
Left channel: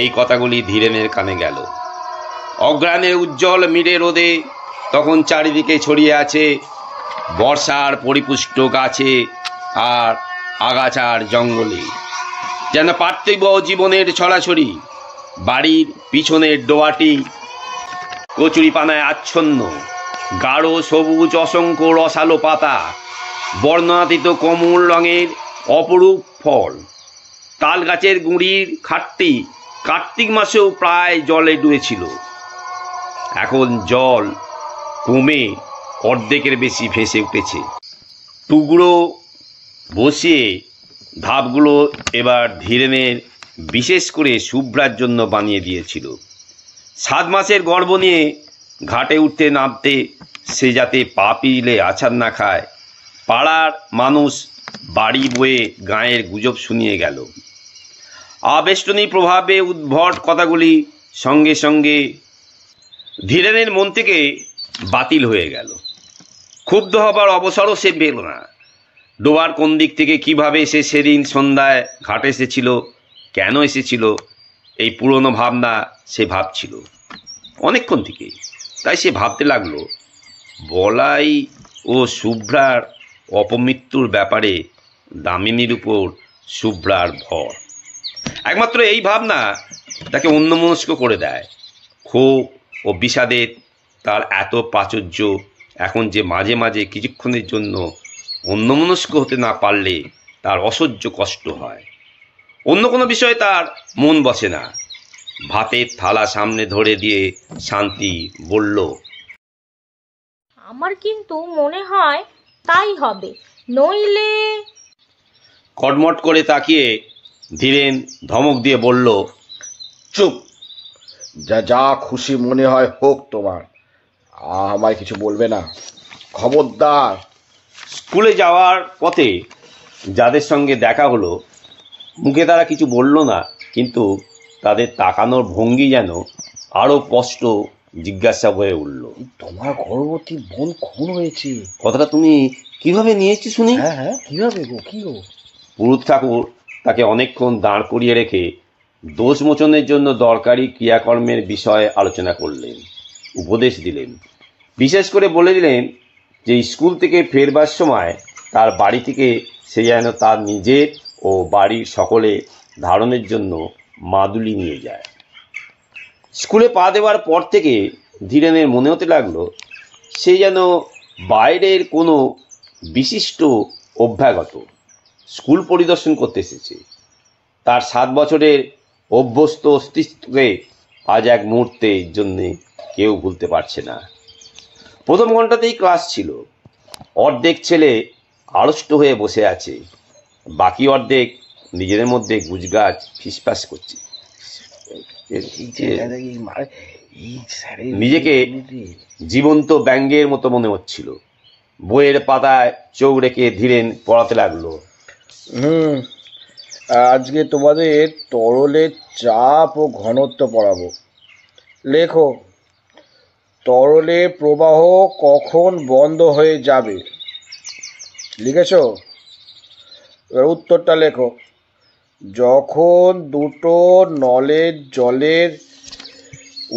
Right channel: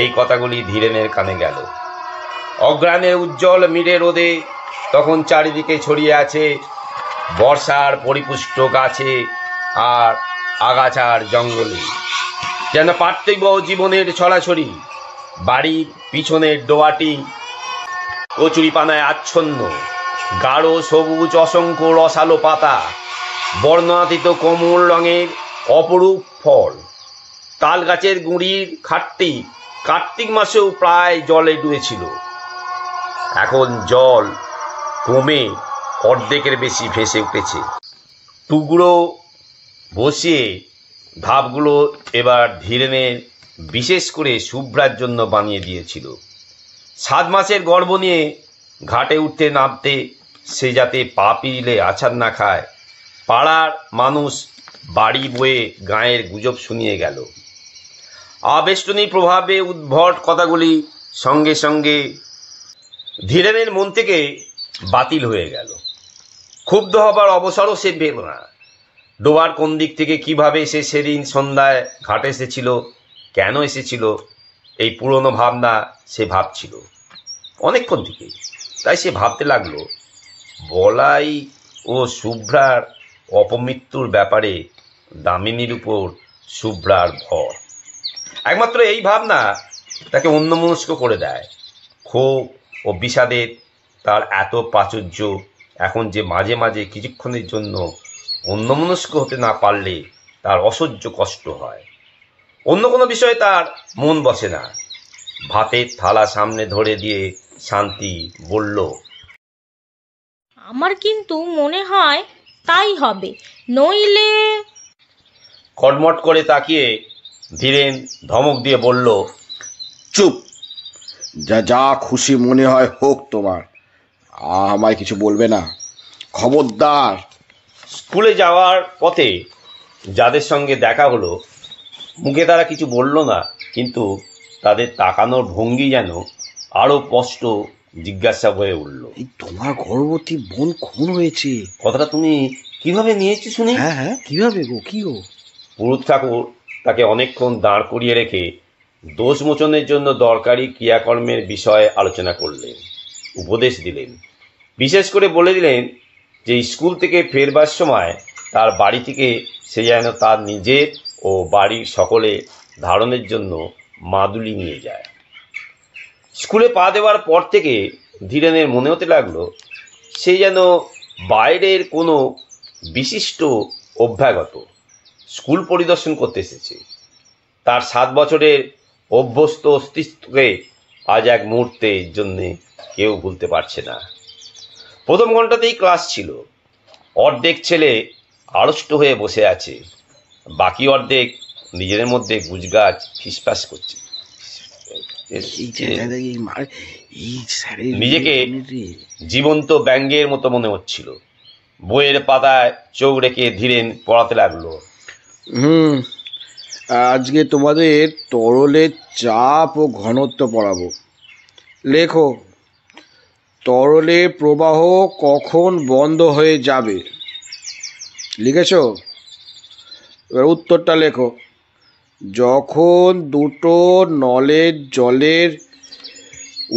এই কথাগুলি ধীরেনের কানে গেল। অগ্রাণের উজ্জ্বল মিরে রোদে তখন চারিদিকে ছড়িয়ে আছে বর্ষার পরিপুষ্ট গাছে আর আগাছার জঙ্গলে, যেন পার্থিব জীবনের ছড়াছড়ি। বাড়ির পিছনের ডোয়াটি কচুরিপানায় আচ্ছন্ন, গাঢ় সবুজ অসংখ্য রসালো পাতা, বর্ণাতীত কোমল রঙের অপরূপ ফল। তাল গাছের গুঁড়ির খাটটি কার্তিক মাসেও প্রায় জলে ডুবেছিল। এখন জল কমে অর্ধেকের বেশি ভেসে উঠেছে। টুকরো বসিয়ে ধাপগুলো এবার ধীরেনের বিশেষ করে শুভ্রার জন্য বানিয়ে দিয়েছিল। 7 মাসের গর্ভ নিয়ে ঘাটে উঠতে নামতে সে যাতে পা পিলে আছাড় না খায়, পাড়ার মানুষ বাড়ি বয়ে গাঁয়ের গুজব শুনিয়ে গেল। আবেষ্টনী প্রভাবে উদ্ভট কথাগুলি সঙ্গে সঙ্গে ধীরেনের মন থেকে বাতিল হয়ে গেল। ক্ষুব্ধ হবার অবসরও সে পেল না। ডোবার কোন দিক থেকে কিভাবে সে সেদিন সন্ধ্যায় ঘাটে এসেছিল, কেন এসেছিল, এই পুরনো ভাবনা সে ভাবছিল অনেকক্ষণ থেকে। তাই সে ভাবতে লাগলো বলাই ও শুভ্রার অপমৃত্যুর ব্যাপারে দামিনীর উপর শুভ্রার ভর। একমাত্র এই ভাবনা তাকে অন্যমনস্ক করে দেয়। ক্ষোভ ও বিষাদের তার এত প্রাচুর্য এখন যে মাঝে মাঝে কিছুক্ষণের জন্য অন্যমনস্ক হতে না পারলে তার অসহ্য কষ্ট হয়। অন্য কোনো বিষয়ে তার মন বসে না। ভাতের থালা সামনে ধরে দিয়ে শান্তি বলল, আমার কিন্তু মনে হয় তাই হবে, নইলে। কটমট করে তাকিয়ে ধীরেন ধমক দিয়ে বলল, চুপ! যা যা খুশি মনে হয় হোক তোমার, আমায় কিছু বলবে না, খবরদার। স্কুলে যাওয়ার পথে যাদের সঙ্গে দেখা হলো মুখে তারা কিছু বলল না, কিন্তু তাদের তাকানোর ভঙ্গি যেন আরো স্পষ্ট জিজ্ঞাসা হয়ে উঠল। তোমার গর্ভবতী বোন খুন হয়েছে, কথাটা তুমি কিভাবে নিয়েছি শুনি? হ্যাঁ হ্যাঁ, কিভাবে গো, কি গো? পুরুত ঠাকুর তাকে অনেকক্ষণ দাঁড় করিয়ে রেখে দোষ মোচনের জন্য দরকারি ক্রিয়াকর্মের বিষয়ে আলোচনা করলেন, উপদেশ দিলেন। বিশেষ করে বলে দিলেন যে স্কুল থেকে ফেরবার সময় তার বাড়ি থেকে সে যেন তার নিজের ও বাড়ির সকলে ধারণের জন্য মাদুলি নিয়ে যায়। স্কুলে পা দেওয়ার পর থেকে ধীরেনের মনে হতে লাগলো সে যেন বাইরের কোনো বিশিষ্ট অভ্যাগত স্কুল পরিদর্শন করতে এসেছে। তার 7 বছরের অভ্যস্ত অস্তিত্বকে আজ এক মুহূর্তের জন্যে কেউ ভুলতে পারছে না। প্রথম ঘন্টাতেই ক্লাস ছিল। অর্ধেক ছেলে আড়ষ্ট হয়ে বসে আছে, বাকি অর্ধেক নিজেদের মধ্যে গুজগাছ ফিসফাস করছে। নিজেকে জীবন্ত ব্যাঙের মতো মনে হচ্ছিল। বইয়ের পাতায় চোখ রেখে ধীরেন পড়াতে লাগলো। আজকে তোমাদের তরলের চাপ ও ঘনত্ব পড়াবো। লেখো, তরলের প্রবাহ কখন বন্ধ হয়ে যাবে। লিখেছ? এবার উত্তরটা লেখো। যখন দুটো নলের জলের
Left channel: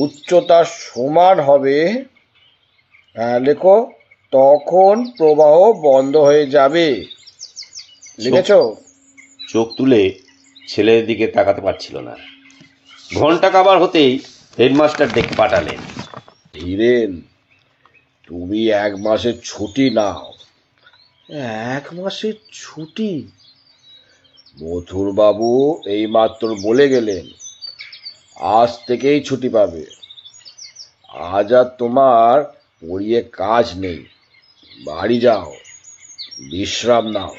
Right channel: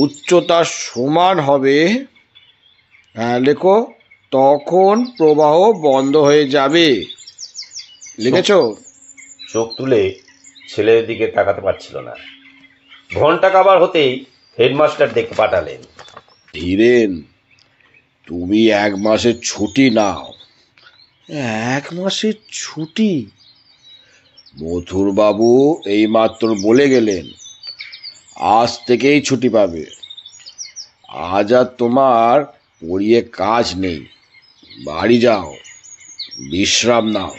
উচ্চতা সমান হবে, হ্যাঁ লেখো, তখন প্রবাহ বন্ধ হয়ে যাবে। লিখেছ? চোখ তুলে ছেলের দিকে তাকাতে পারছিল না। ঘন্টা কাবার হতেই হেডমাস্টার ডেকে পাঠালেন। ধীরেন, তুমি 1 মাসের ছুটি নাও। 1 মাসের ছুটি? মথুরবাবু এইমাত্র বলে গেলেন আজ থেকেই ছুটি পাবে। আজ আর তোমার পড়িয়ে কাজ নেই, বাড়ি যাও, বিশ্রাম নাও।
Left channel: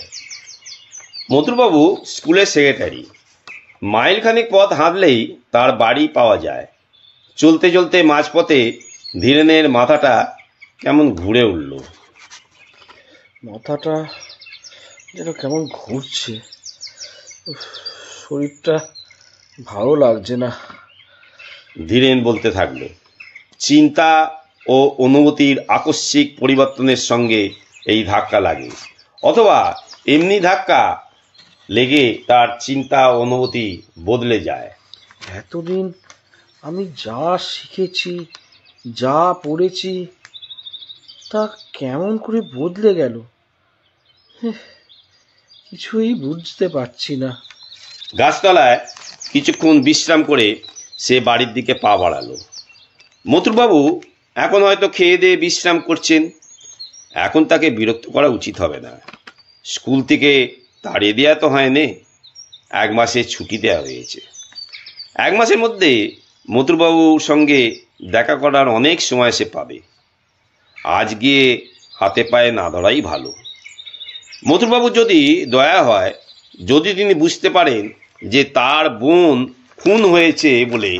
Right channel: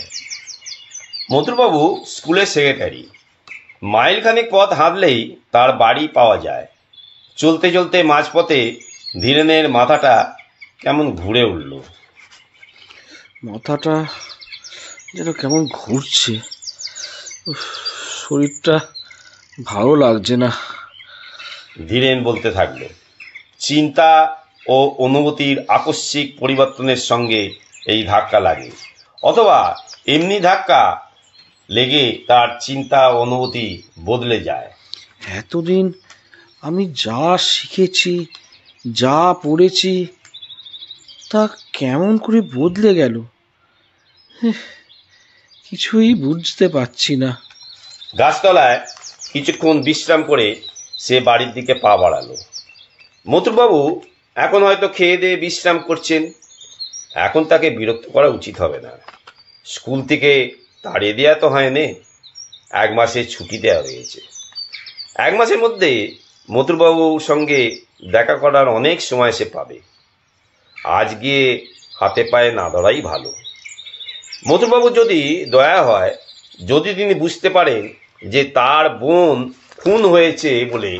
মথুরবাবু স্কুলের সেক্রেটারি, মাইলখানেক পথ হাঁটলেই তার বাড়ি পাওয়া যায়। চলতে চলতে মাঝপথে ধীরেনের মাথাটা কেমন ঘুরে উঠল। মাথাটা যেন কেমন ঘুরছে, শরীরটা ভালো লাগছে না। ধীরেন বলতে থাকলো। চিন্তা ও অনুভূতির আকস্মিক পরিবর্তনের সঙ্গে এই ধাক্কা লাগে, অথবা এমনি ধাক্কা লেগে তার চিন্তা ও অনুভূতি বদলে যায়। এতদিন আমি যা শিখেছি, যা পড়েছি, তা কেমন করে বদলে গেল, কিছুই বুঝতে পারছি না। গাছতলায় কিছুক্ষণ বিশ্রাম করে সে বাড়ির দিকে পা বাড়ালো। মথুরবাবু এখন হয়তো খেয়ে দিয়ে বিশ্রাম করছেন। এখন তাকে বিরক্ত করা উচিত হবে না। স্কুল থেকে তাড়িয়ে দেওয়া তো হয়নি, 1 মাসের ছুটি দেওয়া হয়েছে। 1 মাসের মধ্যে মথুরবাবুর সঙ্গে দেখা করার অনেক সময় সে পাবে। আজ গিয়ে হাতে পায়ে না ধরাই ভালো। মথুরবাবু যদি দয়া হয়, যদি তিনি বুঝতে পারেন যে তার বোন খুন হয়েছে বলে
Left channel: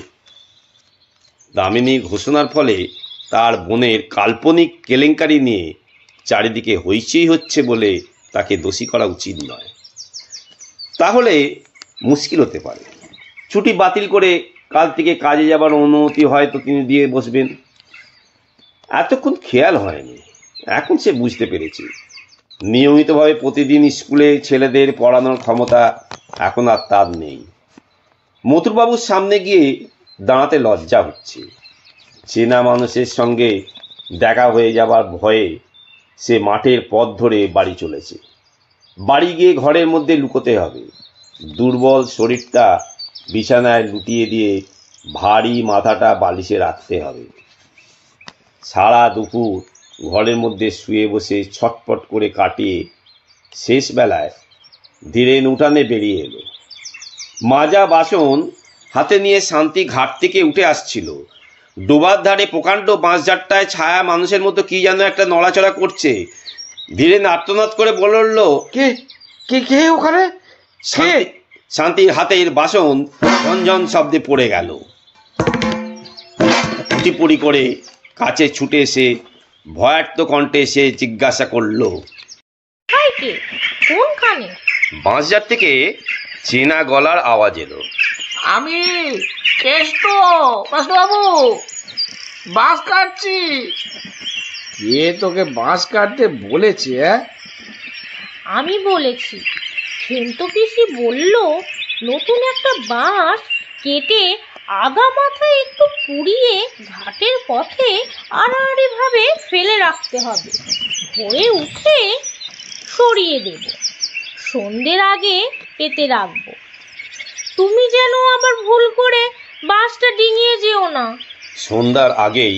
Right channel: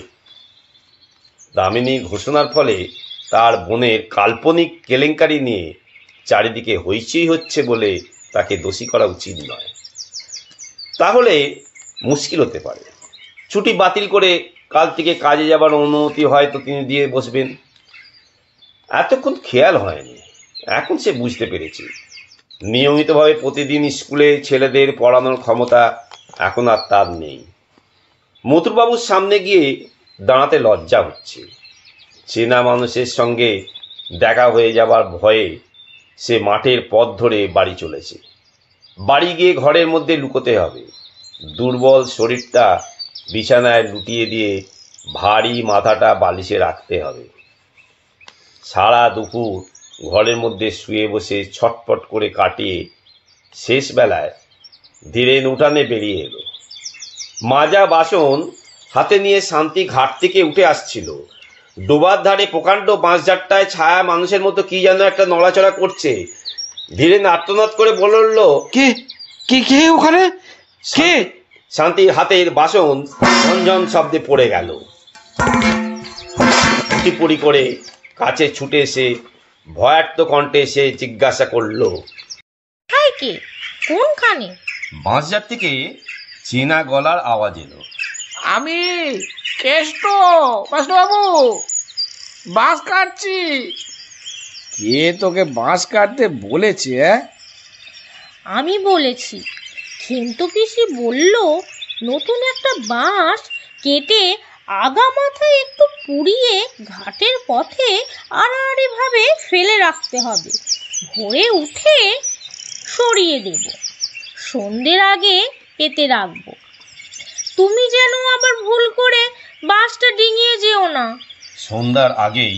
দামিনীর ঘোষণার ফলে তার বোনের কাল্পনিক কেলেঙ্কারি নিয়ে চারিদিকে হইচই হচ্ছে বলে তাকে দোষী করা উচিত নয়, তাহলে মুশকিল হতে পারে। ছুটি বাতিল করে কাল থেকে কাজে যাবার অনুমতি হয়তো তিনি দিয়ে বসবেন। এতক্ষণ খেয়াল হয়নি, এখন সে বুঝতে পেরেছে। নিয়মিতভাবে প্রতিদিন স্কুলে ছেলেদের পড়ানোর ক্ষমতা এখন আর তার নেই। মথুরবাবুর সামনে গিয়ে দাঁড়াতে লজ্জা হচ্ছে। চেনা মানুষের সঙ্গে দেখা হয়ে যাবার ভয়ে সে মাঠের পথ ধরে বাড়ি চলেছে। বাড়ি গিয়ে ঘরের মধ্যে লুকোতে হবে। দুর্বল শরীরটা বিছানায় লুটিয়ে দিয়ে ভারী মাথাটা বালিশে রাখতে হবে। সারা দুপুর ঘরের মধ্যে শুয়ে বসে ছটপট করে কাটিয়ে শেষ বেলায় ধীরেন উঠানে বেরিয়ে এলো। মাজা বাসন হাতে নিয়ে শান্তি ঘাট থেকে উঠে আসছিল। ডোবার ধারে প্রকাণ্ড বাঁশঝাড়টায় ছায়া মানুষের মতো কি যেন একটা নড়াচড়া করছে। ধীরেন আর্তনাদ করে বলে উঠল, কে কে কে ওখানে? কে? শান্তির হাতের বাসন ঝনঝন শব্দে পড়ে গেল। পুটিপুটি করে কাছে ছুটে এসে ভয়ার্ত কণ্ঠে সে জিজ্ঞাসা করল, কে? কোনখানে? বাঁশঝাড় থেকে চেনা গলার আওয়াজ এলো। আমি কেষ্ট, বাবু, বাঁশ কাটছি। কে তোকে বাঁশ কাটতে বলেছে? আমি বলেছি। খেন্তু পিসি বলল নতুন একটা বাঁশ কেটে আগা মাথায় একটু পুড়িয়ে ঘাটের পথে আড়াআড়ি ভাবে ফেলে রাখতে হবে। ভোরে উঠে সরিয়ে দেব, সন্ধ্যের আগে পেতে রাখবো। তুমি যেন আবার ভুল করে বাঁশটা ডিঙিয়ে যেও না। সন্ধ্যার আগেই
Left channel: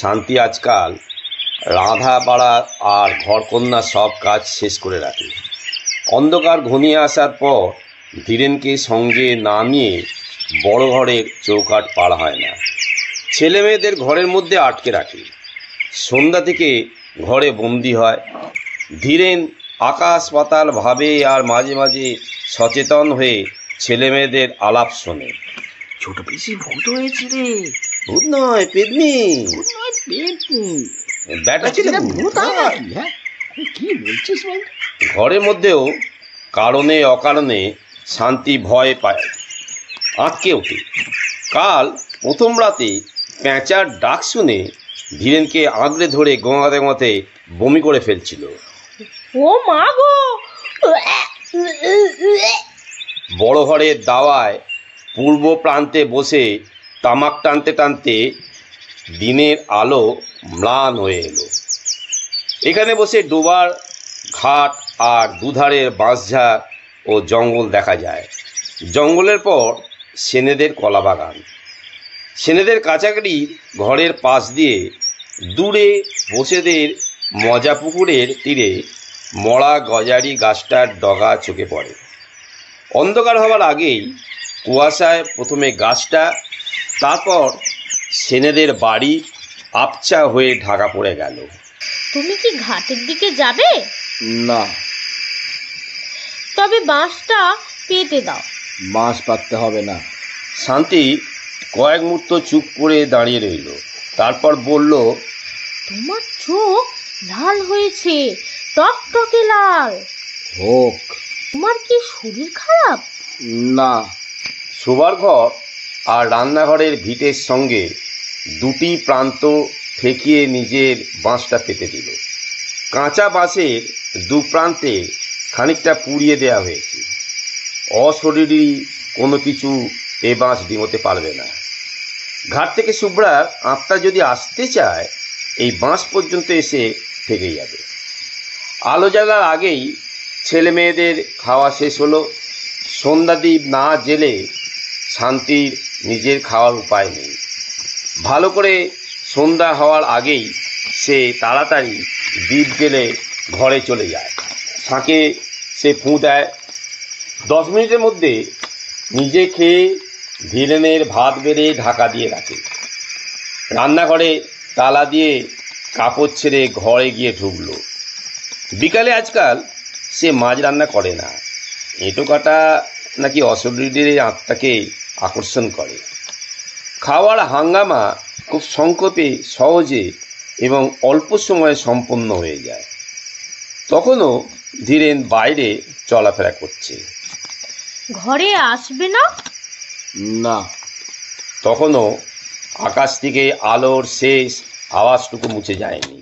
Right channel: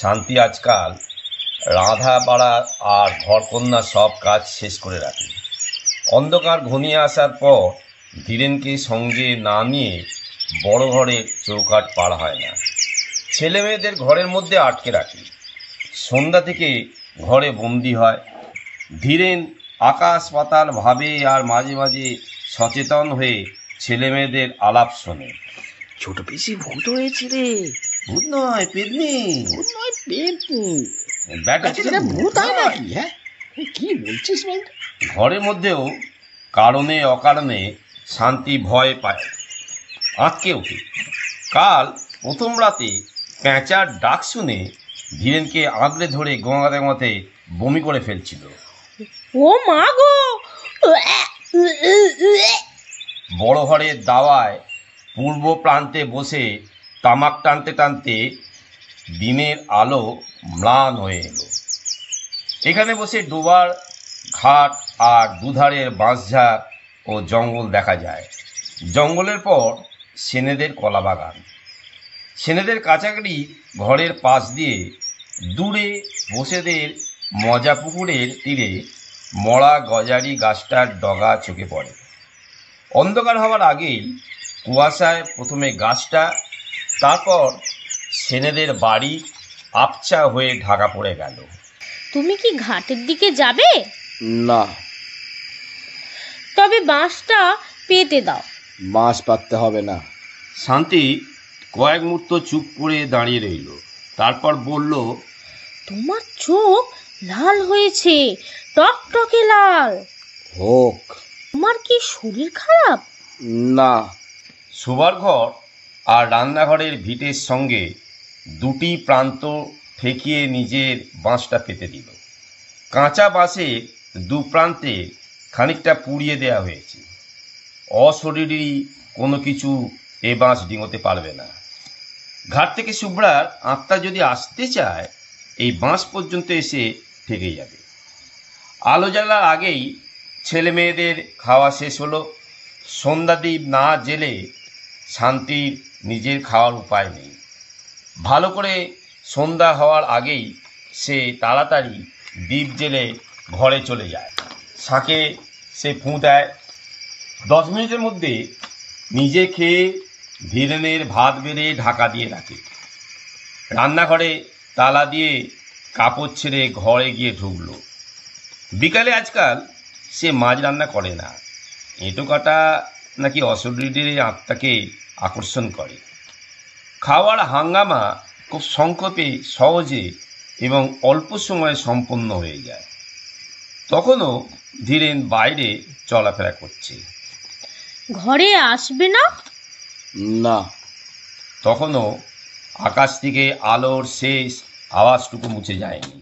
শান্তি আজকাল রাঁধা বাড়া আর ঘরকন্যা সব কাজ শেষ করে রাখে। অন্ধকার ঘনিয়ে আসার পর ধীরেনকে সঙ্গে না নিয়ে বড় ঘরের চৌকাঠ পার হয় না। ছেলে মেয়েদের ঘরের মধ্যে আটকে রাখে। সন্ধ্যা থেকে ঘরে বন্দি হয়। ধীরেন আকাশ পাতাল ভাবে আর মাঝে মাঝে সচেতন হয়ে ছেলে মেয়েদের আলাপ শোনে। ছোট পিসি ভূত হয়েছে রে। ভূত নয়, পেতনি। ভূত নয়, পেতনি। ব্যাটা ছিল ভূত হয় নাকি? হ্যাঁ, কি বলছিস ভাই? ঘরের মধ্যেও কারণে অকারণে শান্তি ভয় পায়, আঁতকে ওঠে। কাল প্রথম রাতে পেঁচার ডাক শুনে ধীরেনকে আঁকড়ে ধরে গোঙাতে গোঙাতে বমি করে ফেলছিল। ও মা গো! বড় ঘরের দাওয়ায় পূর্ব প্রান্তে বসে তামাক টানতে টানতে দিনের আলো ম্লান হয়ে এলো। এখানে বসে ডোবার ঘাট আর দুধারের বাঁশঝাড় ও জঙ্গল দেখা যায়। জঙ্গলের পর সেনেদের কলা বাগান। সেনেদের কাছাকাছি ঘরের পাশ দিয়ে দূরে বসেদের মজা পুকুরের তীরে মরা গজারি গাছটার ডগা চোখে পড়ে। অন্ধকার হওয়ার আগেই কুয়াশায় প্রথমে গাছটা, তারপর সেনেদের বাড়ি আবছা হয়ে ঢাকা পড়ে গেল। তুমি কি ঘাটের দিকে যাবে? না, তবে বাঁশটা পেতে দাও। বাঁশ পাততে হবে না। শান্তি কয়েক মুহূর্ত চুপ করে দাঁড়িয়ে রইল, তারপর বলল, তোমার চোখ লাল হয়েছে, টকটকে লাল। হোক। তোমার কি শরীর খারাপ? না। শোবার ঘর আর রান্নাঘরের ভিটের সঙ্গে দুটি প্রান্ত ঠেকিয়ে নিজের বাঁশটা পেতে দিল। কাঁচা বাঁশের দু প্রান্তে খানিকটা পুড়িয়ে দেয়া হয়েছে। অশরীরী কোনো কিছু এ বাঁশ ডিঙোতে পারবে না। ঘাট থেকে শুভ্রার আত্মা যদি আসতে চায়, এই বাঁশ পর্যন্ত এসে থেকে যাবে। আলো জাগার আগেই ছেলে মেয়েদের খাওয়া শেষ হলো। সন্ধ্যাদীপ না জেলে শান্তির নিজের খাওয়ার উপায় নেই। ভালো করে সন্ধ্যা হওয়ার আগেই সে তাড়াতাড়ি দ্বীপ জেলে ঘরে চলে যায়। শাঁকে সে ফুঁ দেয়। 10 মিনিটের মধ্যে নিজে খেয়ে ধীরেনের ভাত বেড়ে ঢাকা দিয়ে রাখে। রান্নাঘরে তালা দিয়ে কাপড় ছেড়ে ঘরে গিয়ে ঢুকল। বিকালে আজকাল সে মাছ রান্না করে না। এঁটো কাটা নাকি অশরীরের আত্মাকে আকর্ষণ করে। খাওয়ার হাঙ্গামা খুব সংক্ষেপে, সহজে এবং অল্প সময়ে সম্পন্ন হয়ে যায়। তখনও ধীরেন বাইরে চলাফেরা করছে। ঘরে আসবে না? না। তখনও আকাশ থেকে আলোর শেষ আওয়াজটুকু মুছে যায়নি।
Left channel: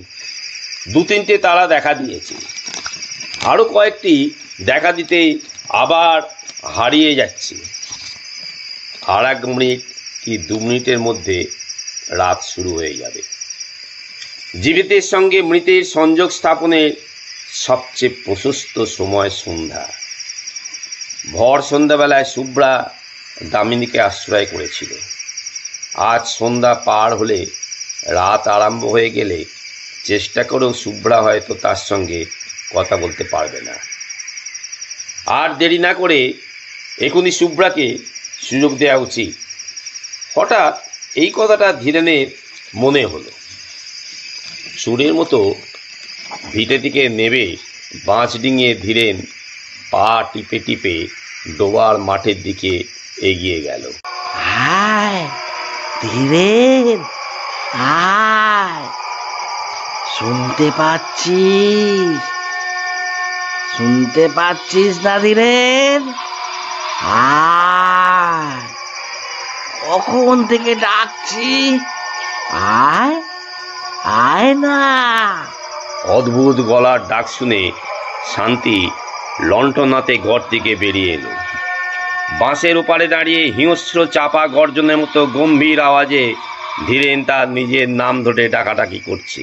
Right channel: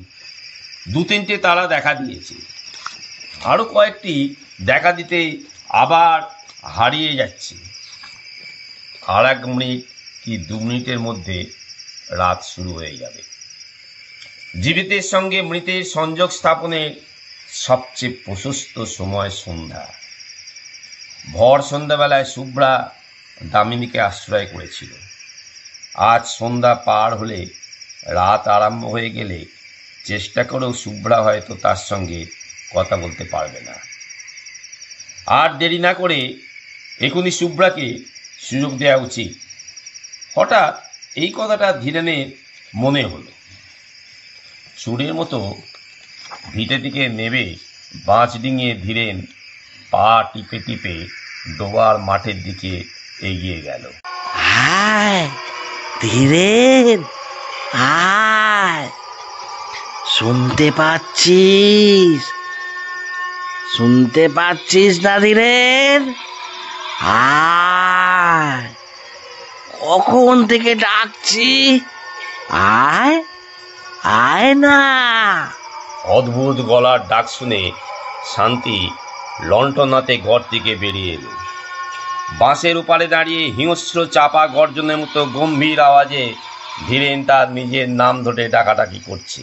2-3টে তারা দেখা দিয়েছে। আরও কয়েকটি দেখা দিতে আবার হারিয়ে যাচ্ছে। আর 1 মিনিট কি 2 মিনিটের মধ্যে রাত শুরু হয়ে যাবে। জীবিতের সঙ্গে মৃতের সংযোগ স্থাপনের সবচেয়ে প্রশস্ত সময় সন্ধ্যা। ভর সন্ধ্যাবেলায় শুভ্রা দামিনীকে আশ্রয় করেছিল। আজ সন্ধ্যা পার হলে, রাত আরম্ভ হয়ে গেলে চেষ্টা করেও শুভ্রা হয়তো তার সঙ্গে কথা বলতে পারবে না। আর দেরি না করে এখনই শুভ্রাকে সুযোগ দেওয়া উচিত। হঠাৎ এই কথাটা ধীরেনের মনে হলো। সুরের মতো ভিটে থেকে নেবে বাঁশ ডিঙিয়ে ধীরেন পা টিপে টিপে ডোবার মাঠের দিকে এগিয়ে গেল। আয় ধীরেন, আয়। শুনতে পাচ্ছিস? শুনতে পাচ্ছিস না ধীরেন? আয়, কখন থেকে ডাকছি, আয়, আয় না। অদ্ভুত গলার ডাক শুনে শান্তি লণ্ঠনাতে ঘর থেকে বেরিয়ে এলো। বাঁশের ওপারে দাঁড়িয়ে হিংস্র চাপা গর্জনের মতো গম্ভীর আওয়াজে ধীরেন তার নিজের নাম ধরে ডাকাডাকি করছে।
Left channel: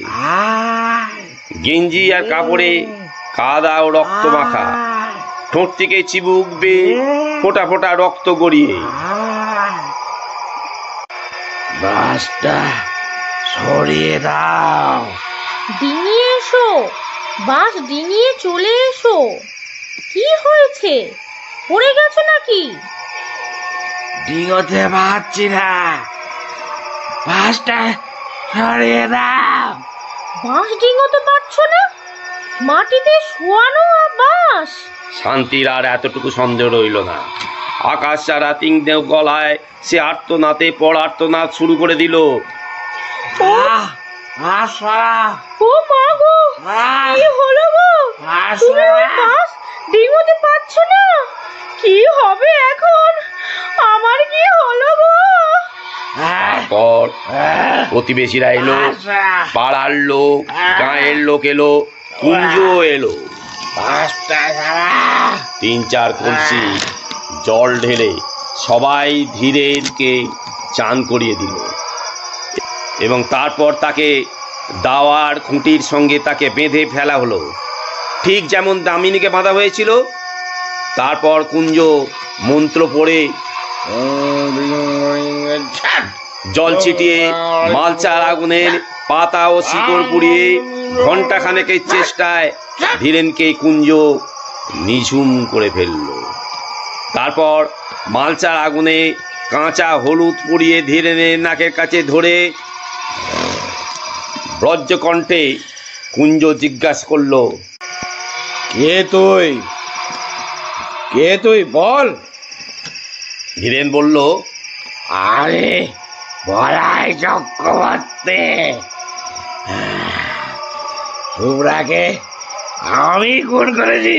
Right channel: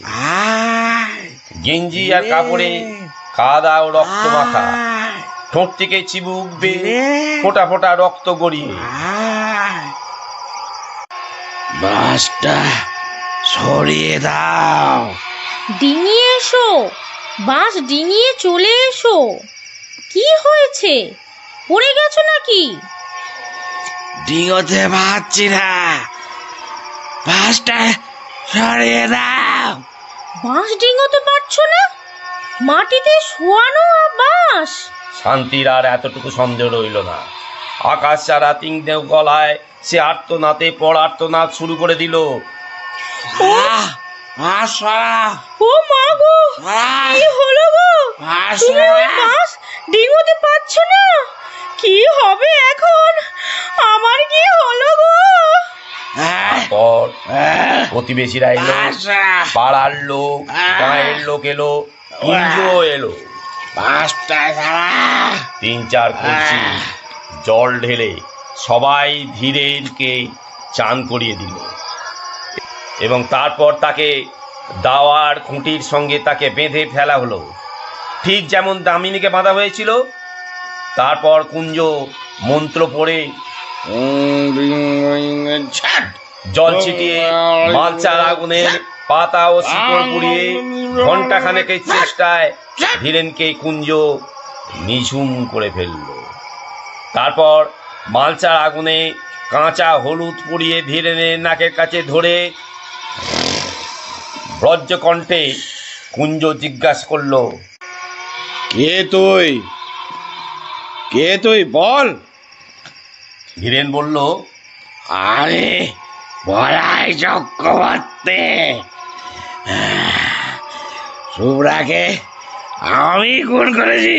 গেঞ্জি আর কাপড়ে কাদা ও রক্ত মাখা, ঠোঁট থেকে চিবুক বেয়ে ফোঁটা ফোঁটা রক্ত গড়িয়ে। বাসটা সরিয়ে দাও। ডিঙিয়ে এসো, বাঁশ ডিঙিয়ে চলে এসো। কি হয়েছে? পড়ে গেছো নাকি? ডিঙোতে পারছি না, বাসটা সরিয়ে দাও। বাঁশ ডিঙোতে পারছো না? মাটিতে শোয়ানো বাঁশ। শান্তির আর এতটুকু সন্দেহ রইল না। আকাশ ছাড়া তিনদেও গলায় সে আর্তনাতে পর আর্তনাদ শুরু করে দিল। ও মা গো, কি হলো গো? তুমি বাঁশ ডিঙোতে পারছো না? কি হবে এখন? আমার কি হলো গো? পর প্রতিবেশীরা এলো, পাড়ার লোক, গাঁয়ের লোক এলো, কুঞ্জ এলো। 3-4 কলসি জল ঢেলে সবাই ধীরেনকে চান করিয়ে দিল এবং তারপর তাকে দাওয়ার খুঁটির সঙ্গে তাকে বেঁধে ফেলা হলো, ঠিক যেমন দামিনীকে বাঁধা হয়েছিল। তারপর কুঞ্জ মন্ত্র পড়ে জল ছিটিয়ে মালচার আগুনের পাতা ও শিকড় পুড়িয়ে ঘণ্টাখানেকের চেষ্টায় ধীরেনকে কুঞ্জ নিঝুম করে ফেলল। তারপর মালচার আগুনে কাঁচা হলুদ পুড়িয়ে ধীরেনের নাকের কাছে ধরে ব্রজকণ্ঠে কুঞ্জ জিজ্ঞাসা করল, কে তুই? কে তুই বল? ধীরেন বলল, আমি বলাই চক্রবর্তী। শুভ্রাকে আমি খুন করেছি।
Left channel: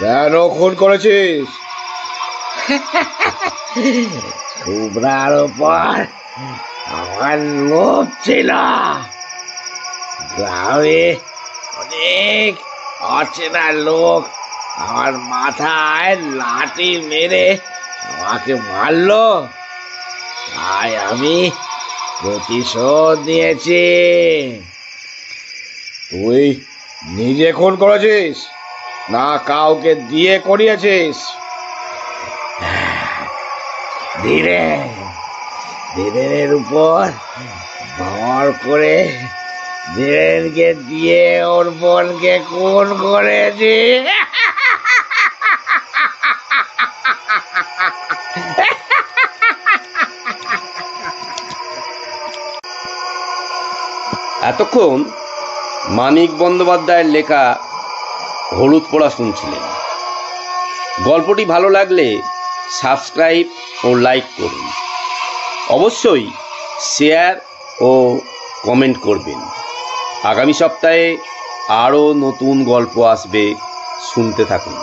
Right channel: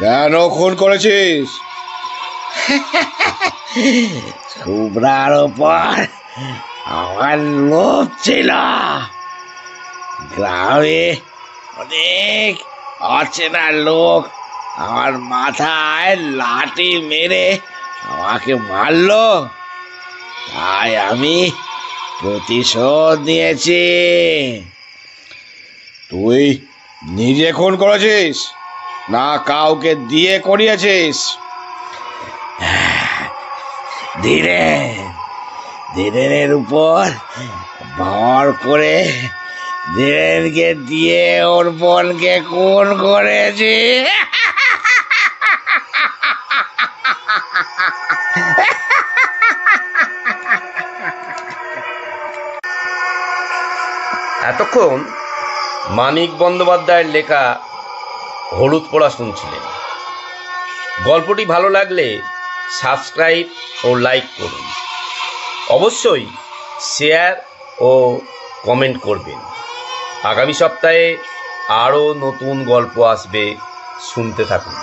কেন খুন করেছিস? শুভ্রার উপর আমার লোভ ছিল। গ্রামে অনেক অচেনা লোক আমার মাথায় লাঠি মেরে আমাকে মারলো, তাই আমি প্রতিশোধ নিয়েছি। তুই নিজে খুন করেছিস না কাউকে দিয়ে করিয়েছিস? ধীরেনের উপর ভর করে ধীরেনকে দিয়ে ওর বোনকে খুন করেছি। এতক্ষণ মানিক বন্দ্যোপাধ্যায়ের লেখা হলুদ পোড়া শুনছিলেন। গল্পটি ভালো লাগলে সাবস্ক্রাইব ও লাইক করুন। অবশ্যই শেয়ার ও কমেন্ট করবেন। আগামী সপ্তাহে আরও নতুন গল্প আসবে, শুনতে থাকুন।